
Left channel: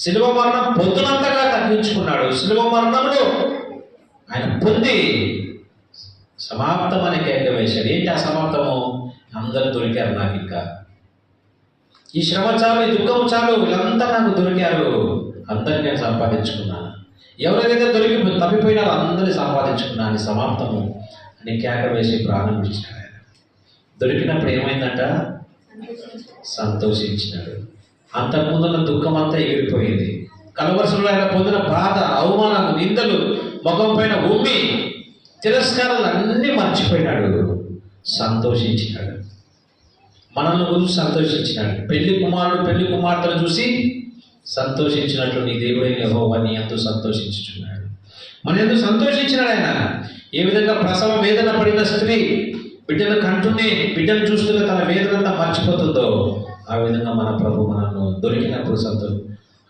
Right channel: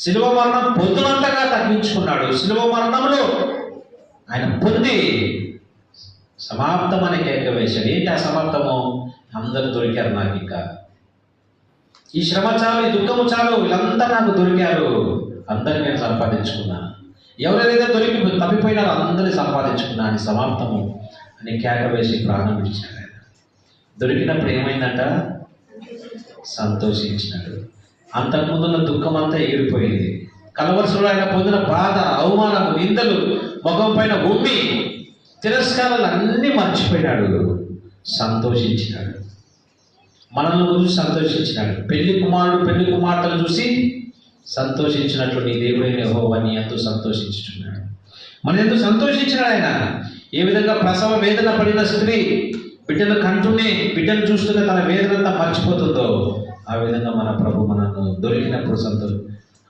శిలువ మరణం పొందునంతగా తగ్గించుకున్నాడు. శిలువ మరణంలో ఆయన పొంది సమాప్తం అని కేక వేశాడు. ఏంటి ఆ సమాప్తము? అందరూ దొరికారు నాకు, ఇంకా ఈ శ్రమ చాలు, ఈ దుఃఖము చాలు, వీళ్ళంతా నాకు దొరికారు, అందరినీ నేను సంపాదించుకున్నాను. ఎవరైతే తప్పిపోయినా అందరినీ సంపాదించుకున్నాను, సమాప్తము అని కేక వేసి ప్రాణం విడిచాడు. దొరికినప్పుడు ఏమైందంట? సంతోషించినాడు. అంతకుముందున్న దుఃఖం అంతా ఎగిరిపోయింది. కలవరసులో ఆయన పొందిన బాధ, అవమానం, నిందలు, ముఖం పైన ఉమ్మి తిరస్కారాలు అన్నీ మర్చిపోయినాడు, సంతోషించినాడు. మనల్ని గురించి సంతోషించినాడు. పెళ్లి కుమారుడు పెళ్లి కుమార్తెలు చూసి సంతోషించినట్లు నీ దేవుడైన యెహోవా నీ యందు సంతోషించుచున్నాడు. మన ఎందుకు సంతోషించినాడు ఆయన. ఏ విధంగా ప్రసవ వేదన పడిన స్త్రీ బిడ్డను కంటూనే బిడ్డను చూస్తూనే తన వేదనంతా మర్చిపోతుందో, ఆ విధంగా మన ప్రభు మనను దొరికినప్పుడు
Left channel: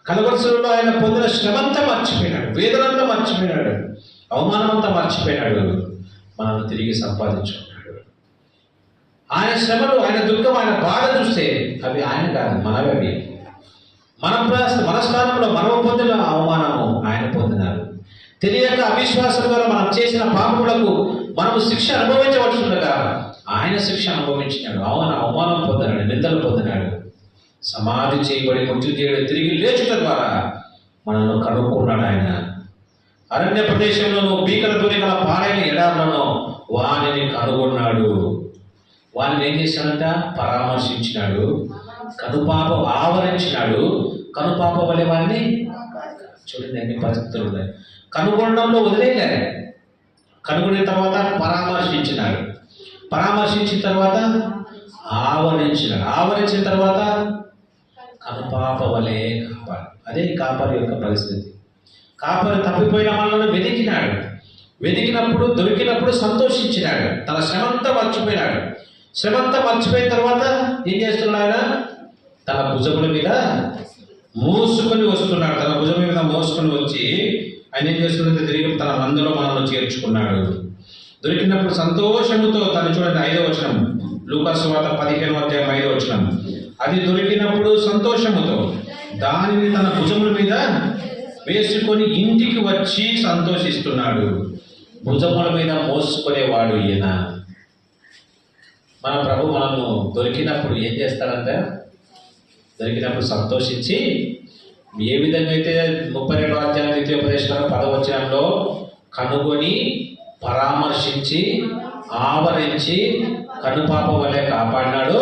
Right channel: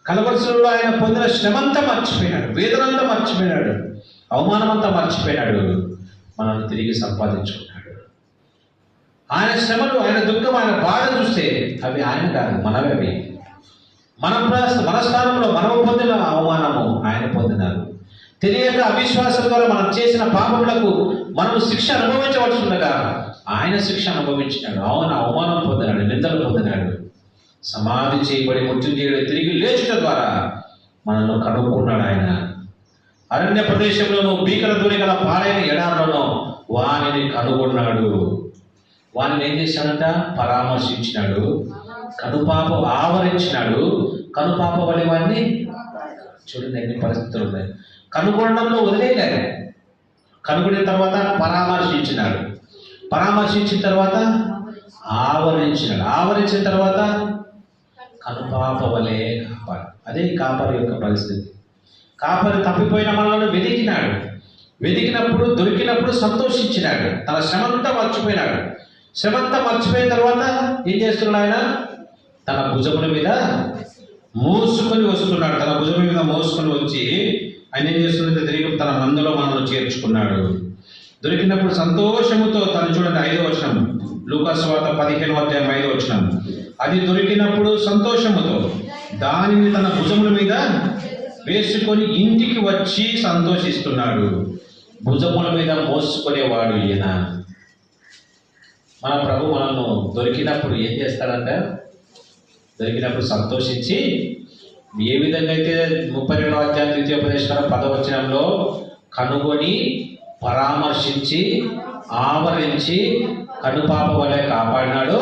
కలవరసులో ఆయన పొందిన శ్రమంతా మర్చిపోయినాడు, వేదనంతా మర్చిపోయినాడు, అవమానమంతా మర్చిపోయినాడు, మనల్ని తిరిగి సంపాదించుకున్నాడు. ఆయన శ్రమలు, ఆయన దుఃఖం, ఆయన బాధ చూస్తే అవి ఆయన కాదు, మనమే. అవి మన స్థానంలో మనం పొందిన అవమానము ఆయన పొందినారు. తెలియక అవిశ్వాసం వల్ల మనం చేసిన పాపములకు మనం శిక్ష అనుభవించవలసిండగా ఆయన శిక్ష అనుభవించినాడు. అవమానం పొందినాడు, నిందలు పొందినాడు. సమాధి చేయబడి మృత్యుంజయుడు తిరిగి లేచుట ద్వారా మనల్ని కనుక్కున్నాడు ఆయన. అరణ్య ప్రదేశంలోనూ భీకర ధ్వనిగల పాడైన ఎడారిలోనూ వానిని కనుగొన్నాడు. వానిని ఏం చేశాడంట? పరామర్శించినాడు, కనుపాప ఆవరించినాడు. కనుపాప వలె వాడిని చూడండి, ఎన్ని పరిస్థితులు ఉన్నాయి. కనుగొనడంలో వదిలేలే, కనుగొన్న తర్వాత పరామర్శించినాడు, పరామర్శించిన తర్వాత ఆవరించినాడు, ఆవరించిన తర్వాత కనుపాప వలె కాపాడు. అదే కాపరి యొక్క పరిస్థితి. కాపరి తప్పిపోయిన వాళ్ళను వెతికినాడు, వెతికినప్పుడు దొరికినప్పుడు సంతోషించినాడు, తన శ్రమంతా మర్చిపోయినాడు. శ్రమంతా మర్చిపోయిన తర్వాత ఏం చేస్తున్నాడు? ఆయన తన భుజముల మీద మోసుకొని వస్తున్నాడు. తన భుజం మీద మోసుకొని వచ్చి ఆయన ఏం చేస్తున్నది? తిరిగి తన మందలో మనల్ని చేర్చుకున్నాడు. దొరికినప్పుడు సంతోషముతో తను చూడండి 5వ వచనం, లూకా సువార్త 15వ వచనం. అది దొరికినప్పుడు సంతోషముతో దానిని తన భుజముల మీద వేసుకొని ఇంటికి వచ్చి సంతోషిస్తున్నాడు. భుజముల మీద మోసుకునేవాడు ఈయన. మన ప్రభు మనను దొరికినప్పుడు ఏం చేస్తాడంట? దొరికినప్పుడు సంతోషించి, ఏ విధంగా అయితే 32వ అధ్యాయం 10వ వచనంలో కనుగొని పరామర్శించి ఆవరించి కనుపాప వలె కాపాడినాడు,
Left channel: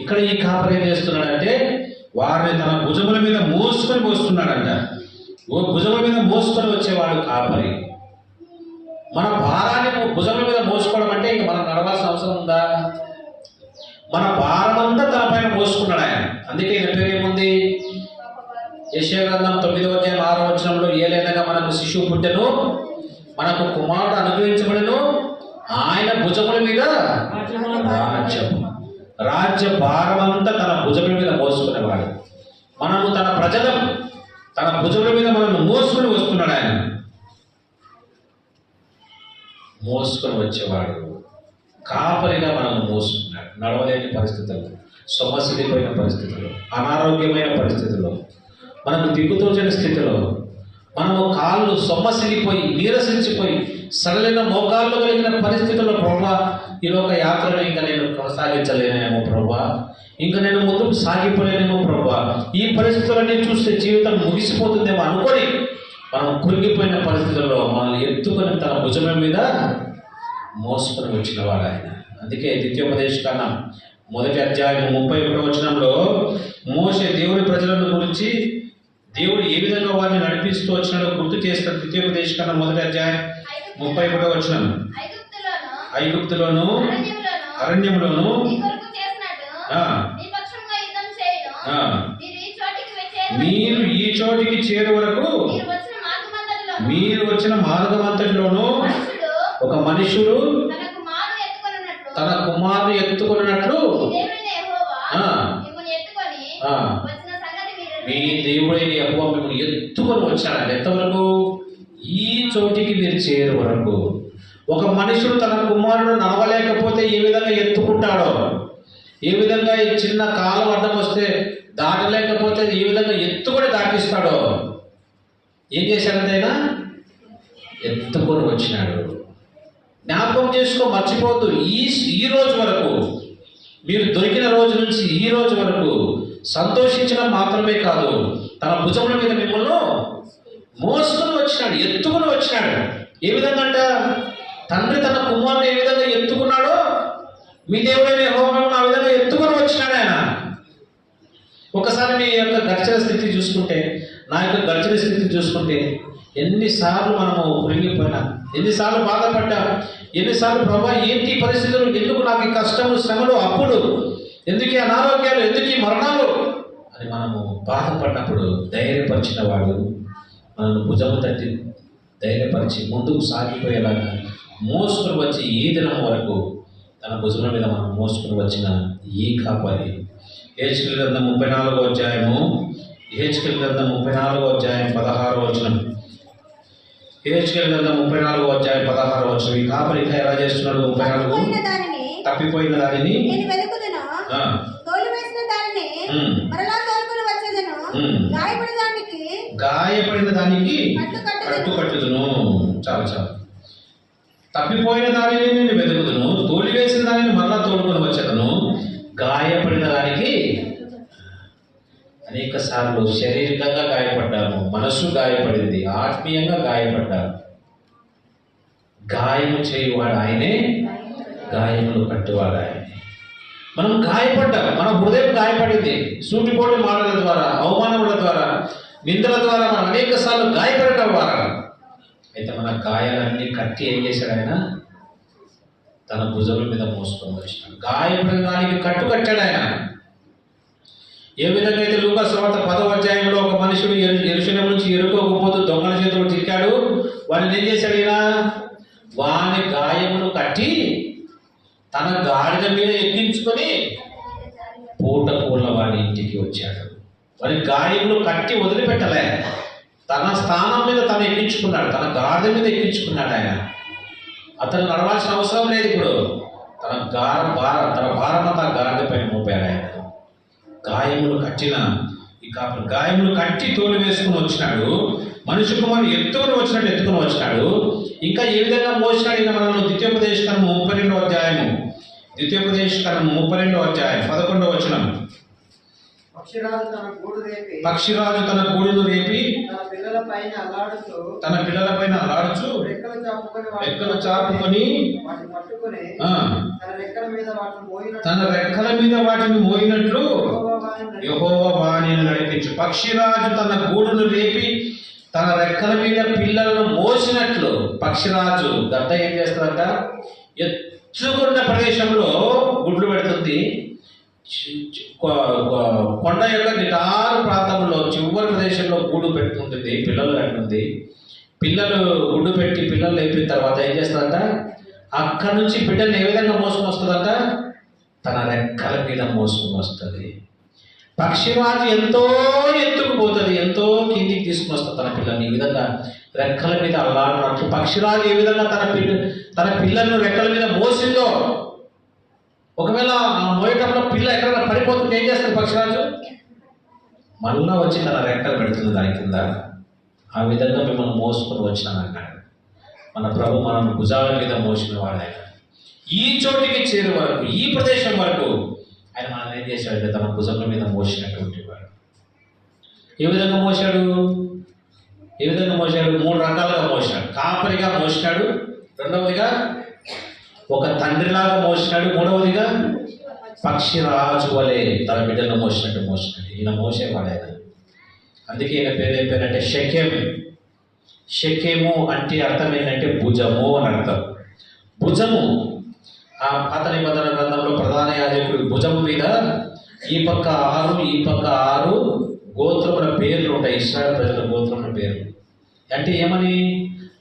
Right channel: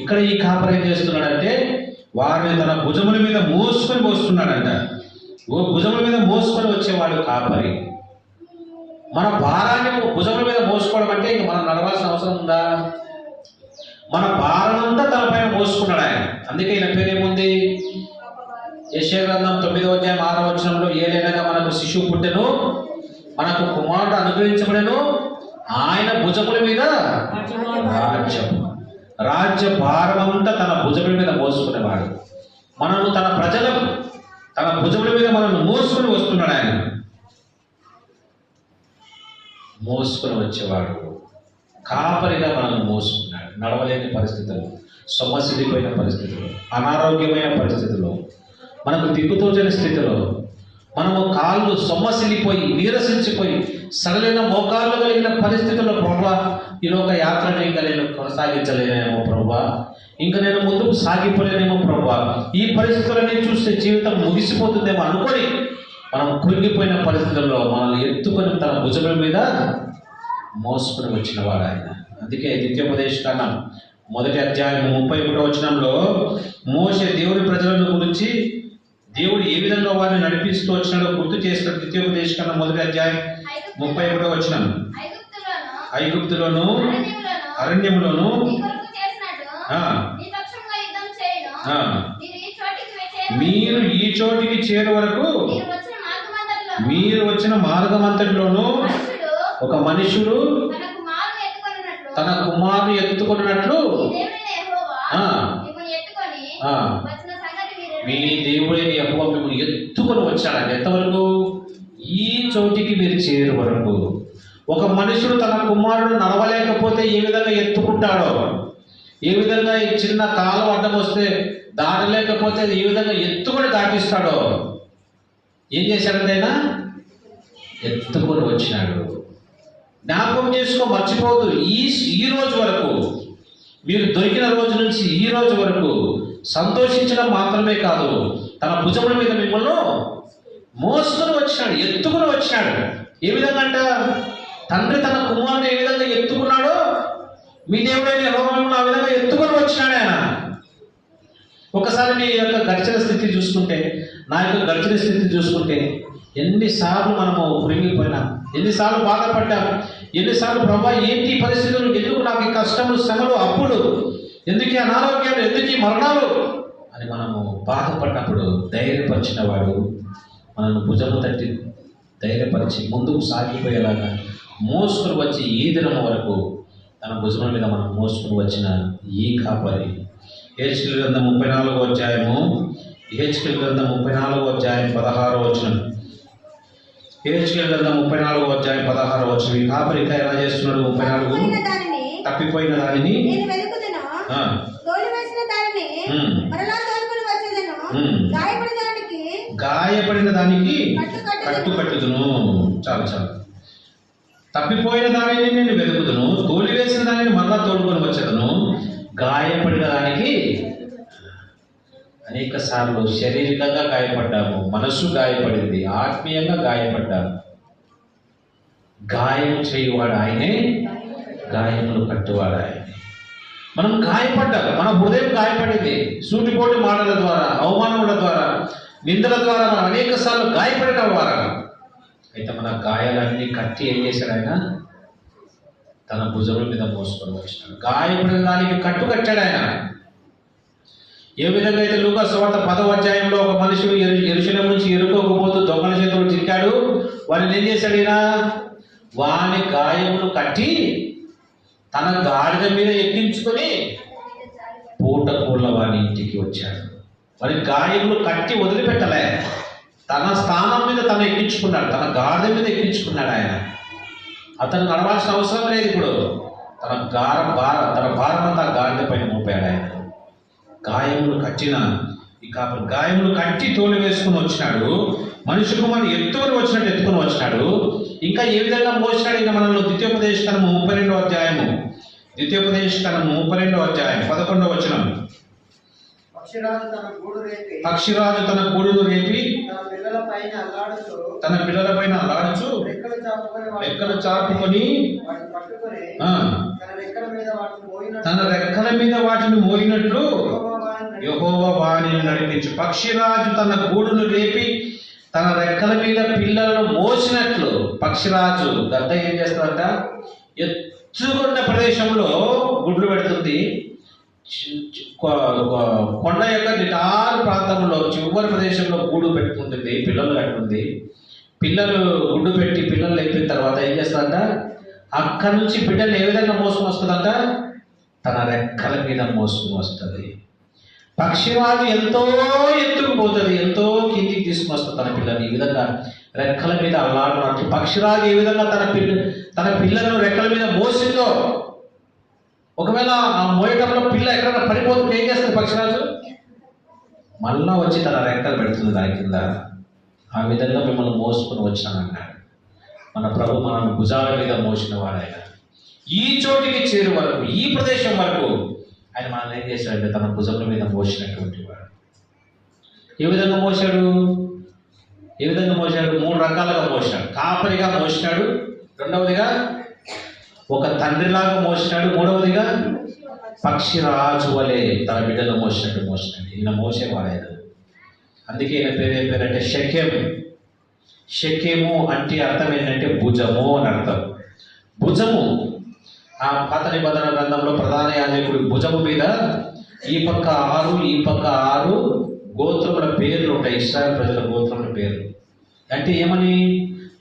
ఇక్కడ ఈ కాపరి ఏం చేస్తున్నాడంటే వారిని తన భుజముల మీద మోసుకొని వస్తున్నాడంట. భుజముల మీద మోసుకొని వచ్చేవాడు కాపరి. మన భారాన్ని భుజముల మీద మోసుకోవడం అంటే ఇంక మనం నడవాల్సిన అవసరం ఉందా? మన భారం అంతా తన పైన మోసుకున్నాడు ఆయన. అందుకే ఈయన పేరేముంది? యెషయా గ్రంథం 9వ అధ్యాయం 6వ వచనంలో, ఏలైనగా మనకు శిశువు పుట్టెను, మనకు కుమారుడు అనుగ్రహించబడెను, ఆయన భుజముల మీద రాజ్య భారం అంతా తన భుజముల మీద మోసుకునేవాడు. మనము తన ప్రజలను తన భుజముల మీద మనల్ని మోసుకుని వస్తున్నాడు ఆయన. మోసుకొని వచ్చేవాడు కాపరిగా మనల్ని మోసుకున్నాడు. నడవలేని పరిస్థితులు, సొమ్మసిల్లిపోయిన పరిస్థితులు, అనారోగ్యమైన పరిస్థితుల్లో, మనకు దిక్కుతోచని స్థితిలో, మనము కాళ్ళు సొమ్మసిల్లిపోయి నీరసించిపోయి సరైన మోకాళ్ళు కలిగిన పరిస్థితుల్లో, ప్రభువా ఈ లోక యాత్రను ఇంకా నేను కొనసాగించలేనేమో ప్రభువా, ఇంకా నేను ముందుకు సాగిపోలేనేమో ప్రభువా, ఈ పరిస్థితులన్నీ చూస్తే జీవితం ముగిసిపోతుందేమో అనుకొని మనం కృంగిపోయిన పరిస్థితుల్లో మనల్ని ఎత్తుకొని తన భుజం మీద మోసుకొని వచ్చిన వాడు ఆయన. అందుకే ద్వితీయోపదేశకాండం 1వ అధ్యాయం 31వ వచనంలో మోషే దేవుడి ప్రజలను గురించి దేవుడు ఏ విధంగా వారిని నడిపిస్తూ వచ్చినాడో గుర్తు చేస్తాడు. ద్వితీయోపదేశకాండం 1వ అధ్యాయం 31వ వచనం, ఐగుప్తులోను అరణ్యములోను మీరు ఈ చోటికి చేరు వరకు మీరు వచ్చిన మార్గమంతటిలోను ఒక మనుషుడు తన కుమారుని ఎత్తుకున్నట్లు మీ దేవుడైన యెహోవా మిమ్మల్ని ఎత్తుకొని వచ్చాడు. ఎంతవరకు? ఈ చోటికి మీరు చేరు వరకు. ఒక మనుషుడు తన కుమారుడు నడవలేకపోతే ఏ విధంగా ఎత్తుకుంటాడో, ఏ విధంగా ఈ చిన్న కాలం అడ్డం వస్తే దాటలేకపోతే ఏ విధంగా ఎత్తుకొని దాటిస్తాడో, ఏం చేశాడంటైనా ఎత్తుకొని వచ్చినాడు. జ్ఞాపకం చేసుకో, మర్చిపోవద్దు. ఈ రోజు వరకు, మీరు దొరికిన రోజు నుంచి ఈ రోజు వరకు సంతోషించడం మాత్రమే కాదు, తన భుజముల మీద మిమ్మల్ని మోసుకొని వచ్చినాడు, ఎత్తుకొని వచ్చినాడు. ఏ విధంగా అంట? తండ్రి తన కుమారుని ఏ విధంగా ఎత్తుకున్నాడో మీ దేవుడైన యెహోవా మిమ్మల్ని ఆ విధంగా ఎత్తుకొని వచ్చినాడు ఆయన. ఒకసారి మీ యొక్క గడిచిన స్థితి చూసుకుంటే, నా యొక్క గడిచిన స్థితి చూసుకుంటే, ఎన్నిసార్లు మనము కృంగిపోయినా, ఎన్నిసార్లు బాధపడ్డా, ఎన్నిసార్లు ప్రభా ఏంటి పరిస్థితులు, ఎందుకు నాకు ఈ కష్టము శ్రమలు, అప్పుడు ఎందుకు అనారోగ్యాలు, ఎందుకు ఈ మరణాలు అని మనము బాధపడినప్పుడు ధైర్యపరిచిన వాడు మనల్ని భుజము తట్టి ధైర్యపరిచి ముందుకు సాగిపోయేలాగా మోసుకుని వచ్చి ఈ దినం వరకు తన భుజముల మీద మనం మోసుకుని వచ్చిన ఈ కాపరి. యెహెజ్కేలు గ్రంథం 34వ అధ్యాయము, యెహెజ్కేలు గ్రంథం 34వ అధ్యాయం 16వ వచనం, యెహెజ్కేలు గ్రంథం 34వ అధ్యాయం 16వ వచనం. ఈ కాపరి ఇంకా ఎలా చేస్తున్నాడు? 34 తప్పిపోయిన దానిని గాయపడిన దానికి కట్టుకట్టుదును. చాలు చాలు. తప్పిపోయిన దానిని నేను వెతుకుదును, తోలివేసిన దానిని మరలా తోడుకొని వచ్చేదను, గాయపడిన దానికి. అనేక సార్లు శారీరకంగా గాయపడ్డాము, మనస్సు గాయపడింది, ఆత్మీయంగా గాయపడ్డాము. గాయము చేయువాడు ఆయనే, గాయములు కట్టువాడు ఆయనే. మనం గాయపడ్డాం, మన హృదయం గాయపడింది. సూటిపోటు మాటల ద్వారా, అవమానముల ద్వారా, నిందల ద్వారా మనం అనేక సార్లు గాయపడటం ద్వారా. అయితే మన గాయాలన్నీ కట్టి ఏం చేశాడు ఆయన? తన భుజముల మీద మోసుకొని వచ్చినాడు. గాయపడిన దానికి కట్టు కట్టాడు ఆయన. ఏ విధంగా అయితే లూకా సువార్త 10వ అధ్యాయంలో ఒక మనుషుడు యెరూషలేము నుంచి ఎరుకోకపోతూ దొంగల చేతులు చిక్కాడు, వాడిని ఏం చేశాడు ఈయన? వాని గాయములు కట్టి తన గాడిద మీద ఎక్కించుకొని పూట పూర్ల వాని ఇంటికి వచ్చాడు. వారి గాయములు కట్టి వదిలిపెట్టలే, తన స్థానం మీద తను ఎక్కించుకున్నాడు, తన గాడిద మీద ఎక్కించుకున్నాడు ఆయన. అతను నడవాల్సిన అవసరం లేదు. ఇప్పుడు తన భారమంతా గాడిద పైన మోపాడు ఆయన. గాయములు కట్టిన గాయములు కట్టి తోలు వేసుకుని వచ్చినాడు. మనిషి కుమారుడు ఎత్తుకుని వచ్చినట్టు ఎత్తుకుని వచ్చినాడు. ఇంకా ఏ విధంగా మోసినాడు ఈయన మనల్ని? ద్వితీయోపదేశకాండం 32వ అధ్యాయము, ద్వితీయోపదేశకాండం 32వ అధ్యాయం 11వ వచనం. పక్షిరాజు తన గూడును రేపి తన పిల్లల పైన అలాడుచు రెక్కలు చాపుకొని తన రెక్కల మీద వాటిని మోయినట్లు యెహోవా వాణిని నడిపించు. పక్షిరాజు తన గూడును రేపి తన రెక్కల మీద పిల్లలను మోసినట్లు. పక్షిరాజు గద్ద ఏం చేస్తుందంట? ఎత్తుకున్న ప్రదేశంలో గుడ్లు పెడుతుంది. కొండ యొక్క నిటారు ప్రాంతంలో చివరి ప్రదేశంలో గూడు పెట్టుకుంటుంది, పిల్లలు కట్టుకుంది. పిల్లలు గుడ్డు పెట్టి పిల్లలు లేపిన తర్వాత ఏం చేస్తుందంట? అక్కడి నుంచి బిడ్డలు ఏ విధంగా మోసుకొని వస్తుందంట? తన రెక్కల మీద మోసుకొని వస్తుంది. పక్షిరాజు ఎంతో ఎత్తుకు పోతుంది, ఎంతో కిందికి తీసుకుని వస్తుంది తన పిల్లల్ని. ఈ విధంగా రెక్కల మీద అలాడినట్లు పక్షిరాజు ఏ విధంగా తన పిల్లలను రెక్కల మీద మోసిందో, ఒకవేళ ఆ మోయటంలో పిల్ల ఎక్కడైనా పడిపోతుంటే ఏం చేస్తుంది పక్షిరాజు? మళ్ళా వచ్చి తన రెక్కలు పెడుతుంది దాని కింద. ఆ విధంగా మిమ్మల్ని మోసుకొని వచ్చానన్నాడు మన ప్రభు. మనం భుజాల మీద మోసిన వాడు ఆయన. ఈ చోటికి చేరు వరకు, ఈ ప్రదేశం వరకు ఆయన మనల్ని ఏం చేశాడు? తన భుజముల మీద మోసినటువంటి వాడు. ఏ విధంగా మోసాడు? 3 రకాలుగా మోసాడు. కాపరిగా మోసినాడు, రెండవదిగా ఒక తండ్రిలాగా మోసినాడు, మూడవదిగా పక్షిరాజు వలె తన బిడ్డను మోసినట్టు మోసినాడు. ఈయన మోసేవాడు ఆయన. అందుకే ఈయన పేరు ఏం పేరంటే షెకెము. షెకెము అంటే అర్థం ఏంటంటే భుజము అని అర్థం. భుజము ఆ పాత నిబంధన గ్రంథంలో ప్రధాన యాజకుడి భుజము మీద ఈ పక్క 6 ఈ పక్క 6 గోత్రముల పేర్లు ఉంటాయి. ఇశ్రాయేలు ప్రజల గోత్రముల పేర్లు. అంటే ఏమని?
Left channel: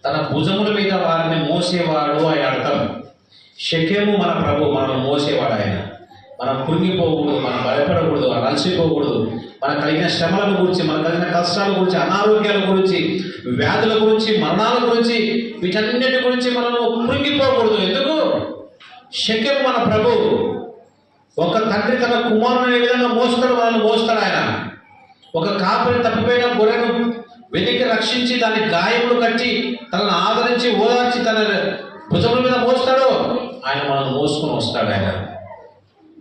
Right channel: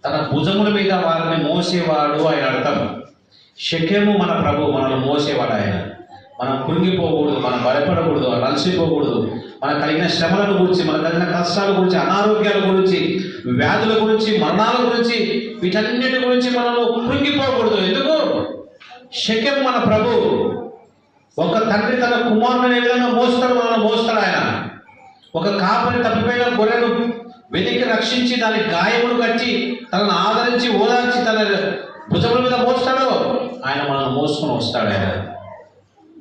తన భుజముల మీద వారిని మోసేవాడు ఆయన అర్థం. షెకెము మన ప్రభు, మనల్ని మోసేవాడు ఆయన. మనం కృంగిపోకూడదు, మనం భయపడకూడదు, అలసిపోకూడదు. మనకు కలిగిన శ్రమల గురించి, మనకు కలిగిన కష్టాల గురించి, అనారోగ్యాల గురించి, వ్యాధుల గురించి, మరణాల గురించి, వీటన్నిటి గురించి మనము కృంగిపోకూడదు. ఎందుకు? షెకెము మన ప్రభు. ఒక తండ్రి తన కుమారుని ఏ విధంగా మోస్తాడు, మనల్ని మోస్తాడు ఆయన. ఒక కాపరి తప్పిపోయిన గొర్రెను వెతికి రక్షించి దాని గాయములు కట్టి తనను ఆదరించి ఓదార్చి తన భుజముల మీద మోస్తాడు ఆయన, మనల్ని మోసుకొని వస్తాడు ఆయన.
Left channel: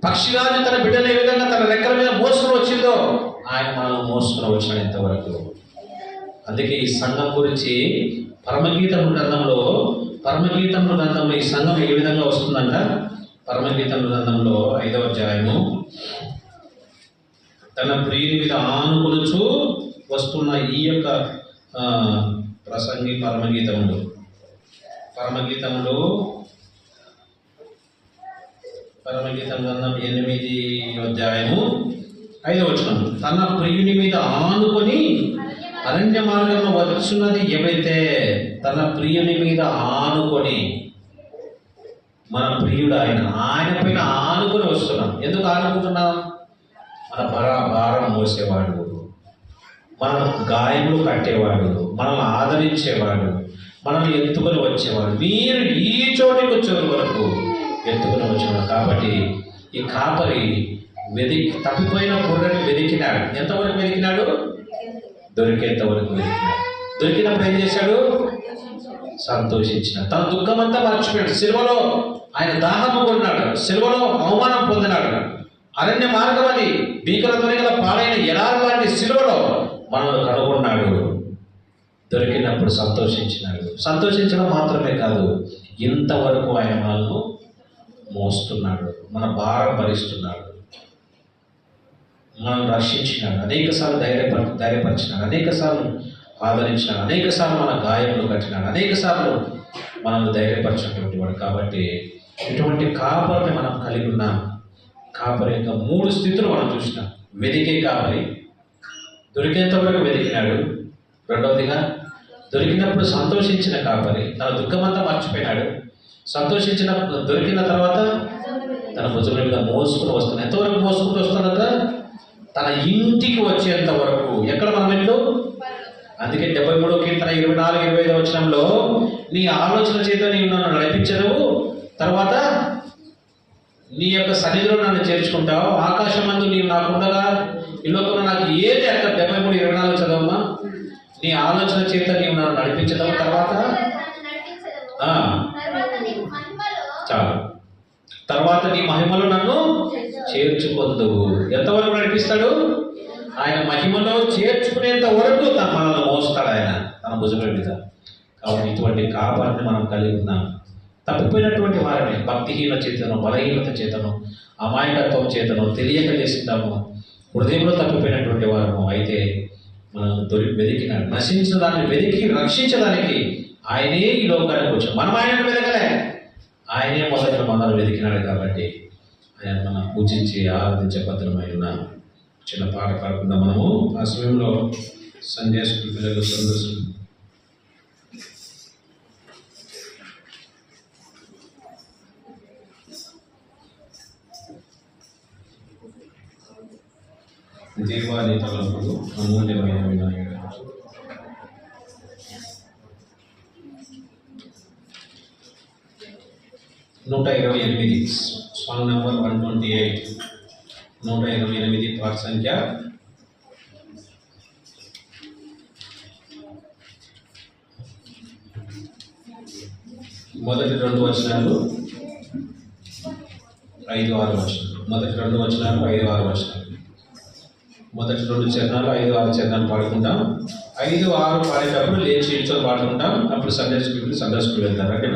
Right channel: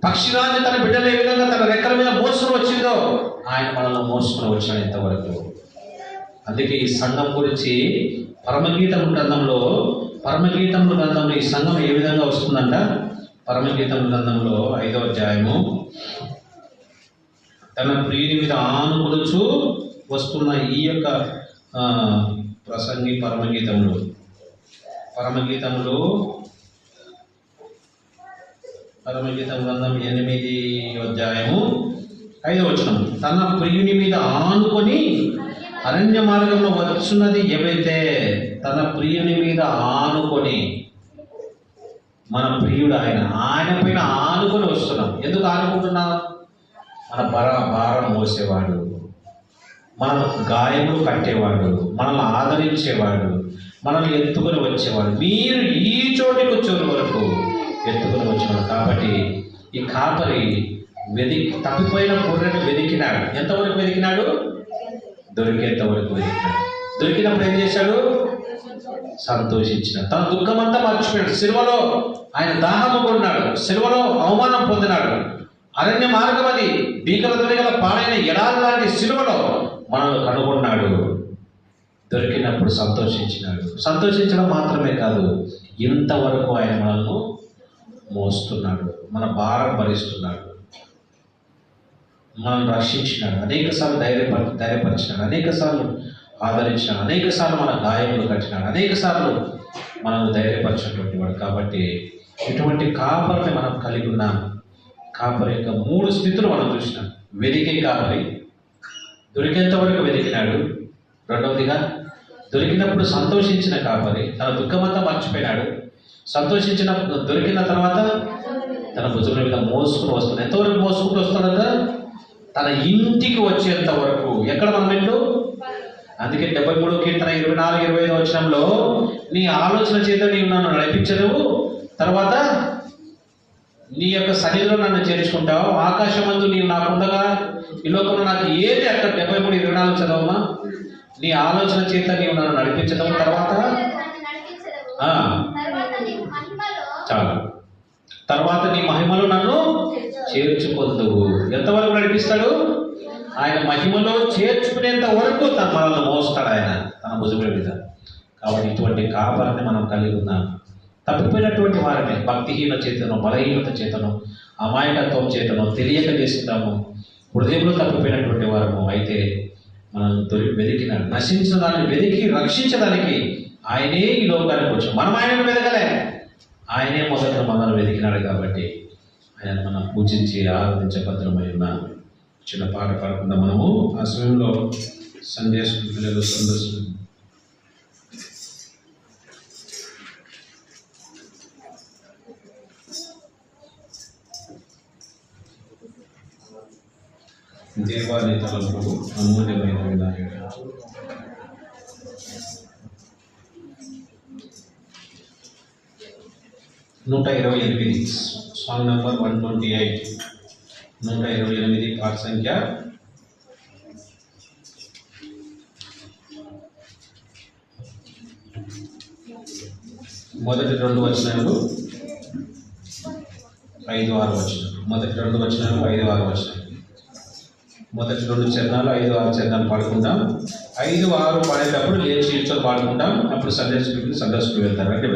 పక్షిరాజు తన బిడ్డను ఏ విధంగా తన రెక్కల మీద మోసుకొని వచ్చిందో ఆయన మనల్ని మోసుకొని వచ్చాడు ఇంతవరకు. అందుకే ఈ సంఘం గురించి పరమగీతం గ్రంథంలో ఈ సంఘం ఏ విధంగా వస్తుందంట? పరమగీతం గ్రంథంలో 5వ అధ్యాయము, తన ప్రియుని మీద ఆనుకులుచు వస్తున్న ఈ యొక్క ప్రసంగి పరమగీతంలో 8వ అధ్యాయము 5వ వచనం. తన ప్రియుని మీద ఆనుకొని అరణ్య మార్గంలో వచ్చున్నది ఎవరైతే, తన ప్రియుని మీద ఆనుకొని, మన ప్రియుడు ఆయన పైన ఆనుకొని వస్తున్నాం. ఎందుకు ఆనుకుంటున్నాం? మన భారం మోసేవాడు, మన గాయములు కట్టేవాడు, మనల్ని ఆదరించేవాడు, మనల్ని ఎత్తుకొని వచ్చేవాడు. మీరు ఈ చోటికి వచ్చేవారు వరకు ఎత్తుకొని వచ్చినాడు. కాబట్టి ఈ కాపరి తప్పిపోయిన గొర్రెను వెతికినాడు. ఎంతవరకు వెతికినాడు? దొరికేంత వరకు వెతికినాడు. దొరికినప్పుడు ఏం చేశాడు? సంతోషించినాడు. తన దుఃఖం అంతా మర్చిపోయాడు. సిలువలో ఆయన దాహం కొన్నాడు, సిలువలో అవమానం పొందినాడు. అరణ్య మార్గం అని భీకర ధ్వనిగల పాడైన ఎడారి లాంటి సిలువలో మనల్ని కనుగొన్నాడు. దొరికినప్పుడు సంతోషించినాడు. సంతోషించడం మాత్రమే కాదు, ఇంతవరకు ఆయన మనల్ని మోస్తున్నాడు, మన భారం భరిస్తున్నాడు, మనల్ని రక్షించినాడు, అనేకసార్లు ధైర్యపరిచినాడు, అనేకసార్లు ఆదరించినాడు, అనేకసార్లు మన గాయములు కట్టినాడు, అనేకసార్లు మనల్ని ధైర్యపరిచినటువంటి వాడు. కాబట్టి ఇటువంటి కాపరిని మనం కలిగి ఉన్నాం. కాపరి యొక్క 3 స్థితులు మనం చూసినాం. వెతికే కాపరి, దొరికేంత వరకు వెతికినాడు. రెండవదిగా దొరికినప్పుడు సంతోషించిన కాపరి, తన దుఃఖమంతా మర్చిపోయినాడు. దొరికిన తర్వాత తన భుజముల మీద మోసుకుని వస్తున్నాడు. ఎంతవరకు మోసుకుంటూ వస్తున్నాడు? తన ఇంటికి వచ్చేంత వరకు. ఎక్కడ మన ఇల్లు? అందుకే 73వ కీర్తన 24, 25 వచనంలో నీ ఆలోచన చేత నీవు నన్ను నడిపించదవు, తర్వాత నీ యొక్క సన్నిధిలో నన్ను చేర్చుకుంటావు, ఆకాశమందు నీవు నాకుండగా ఈ లోకంలో నాకు ఏది అక్కడ 73, 24 చదవమ్మా. నీ ఆలోచన చేత నీవు నన్ను నడిపించదవు, తర్వాత చాలు, తర్వాత నీ మహిమలో నన్ను చేర్చుకొందువు. ఎంతవరకు నడిపిస్తాడు? ఆయన మహిమలో చేర్చుకునేంత వరకు తన మనల్ని మోస్తాడు ఆయన తన భుజముల మీద. కాబట్టి ఇటువంటి కాపాలని మనం కలిగి ఉన్నాం. తప్పిపోయినటువంటి వారిని భక్తిహీన చేతను, బలహీనత చేతను, అమాయకత్వం చేతను, తెలియక చేస్తుంటాము, హృదయంలో తప్పిపోయినటువంటి వారము. అయితే మనం వెతికిన నశించిన దాన్ని వెతికి రక్షించడానికి ఆయనే ఈ లోకానికి వచ్చాడు. మనం ఆయనను వెతకలే, ఆయనే మొదట మనల్ని వెతికినాడు. కాబట్టి ఆయన మనం పూజించి ఆరాధించబద్ధమై ఉన్నాం. చిన్న పాట పాడుకుందాం మనము. ఆ సమయంలో సందేశం పిల్లలు సందర్శనం దేవాది తలపు అమూల్యమైన వినాయకుడు. నూట 128 సాంగ్ నెంబర్ 128, 128 పాట సంఖ్య. మొదటి 2 వచనాలు 5, 6 వచనాలు. మొదటి 2 వచనాలు 5, 6 వచనాలు. మొదటి 2 చరణాలు 5, 6 చరణాలు పాడుకుంటాం. 5, 6 పాడేటప్పుడు లేచి నిల్చొని పాడుకుంటాం. అప్పుడు సందేశకులు వెళ్తారు. అంటే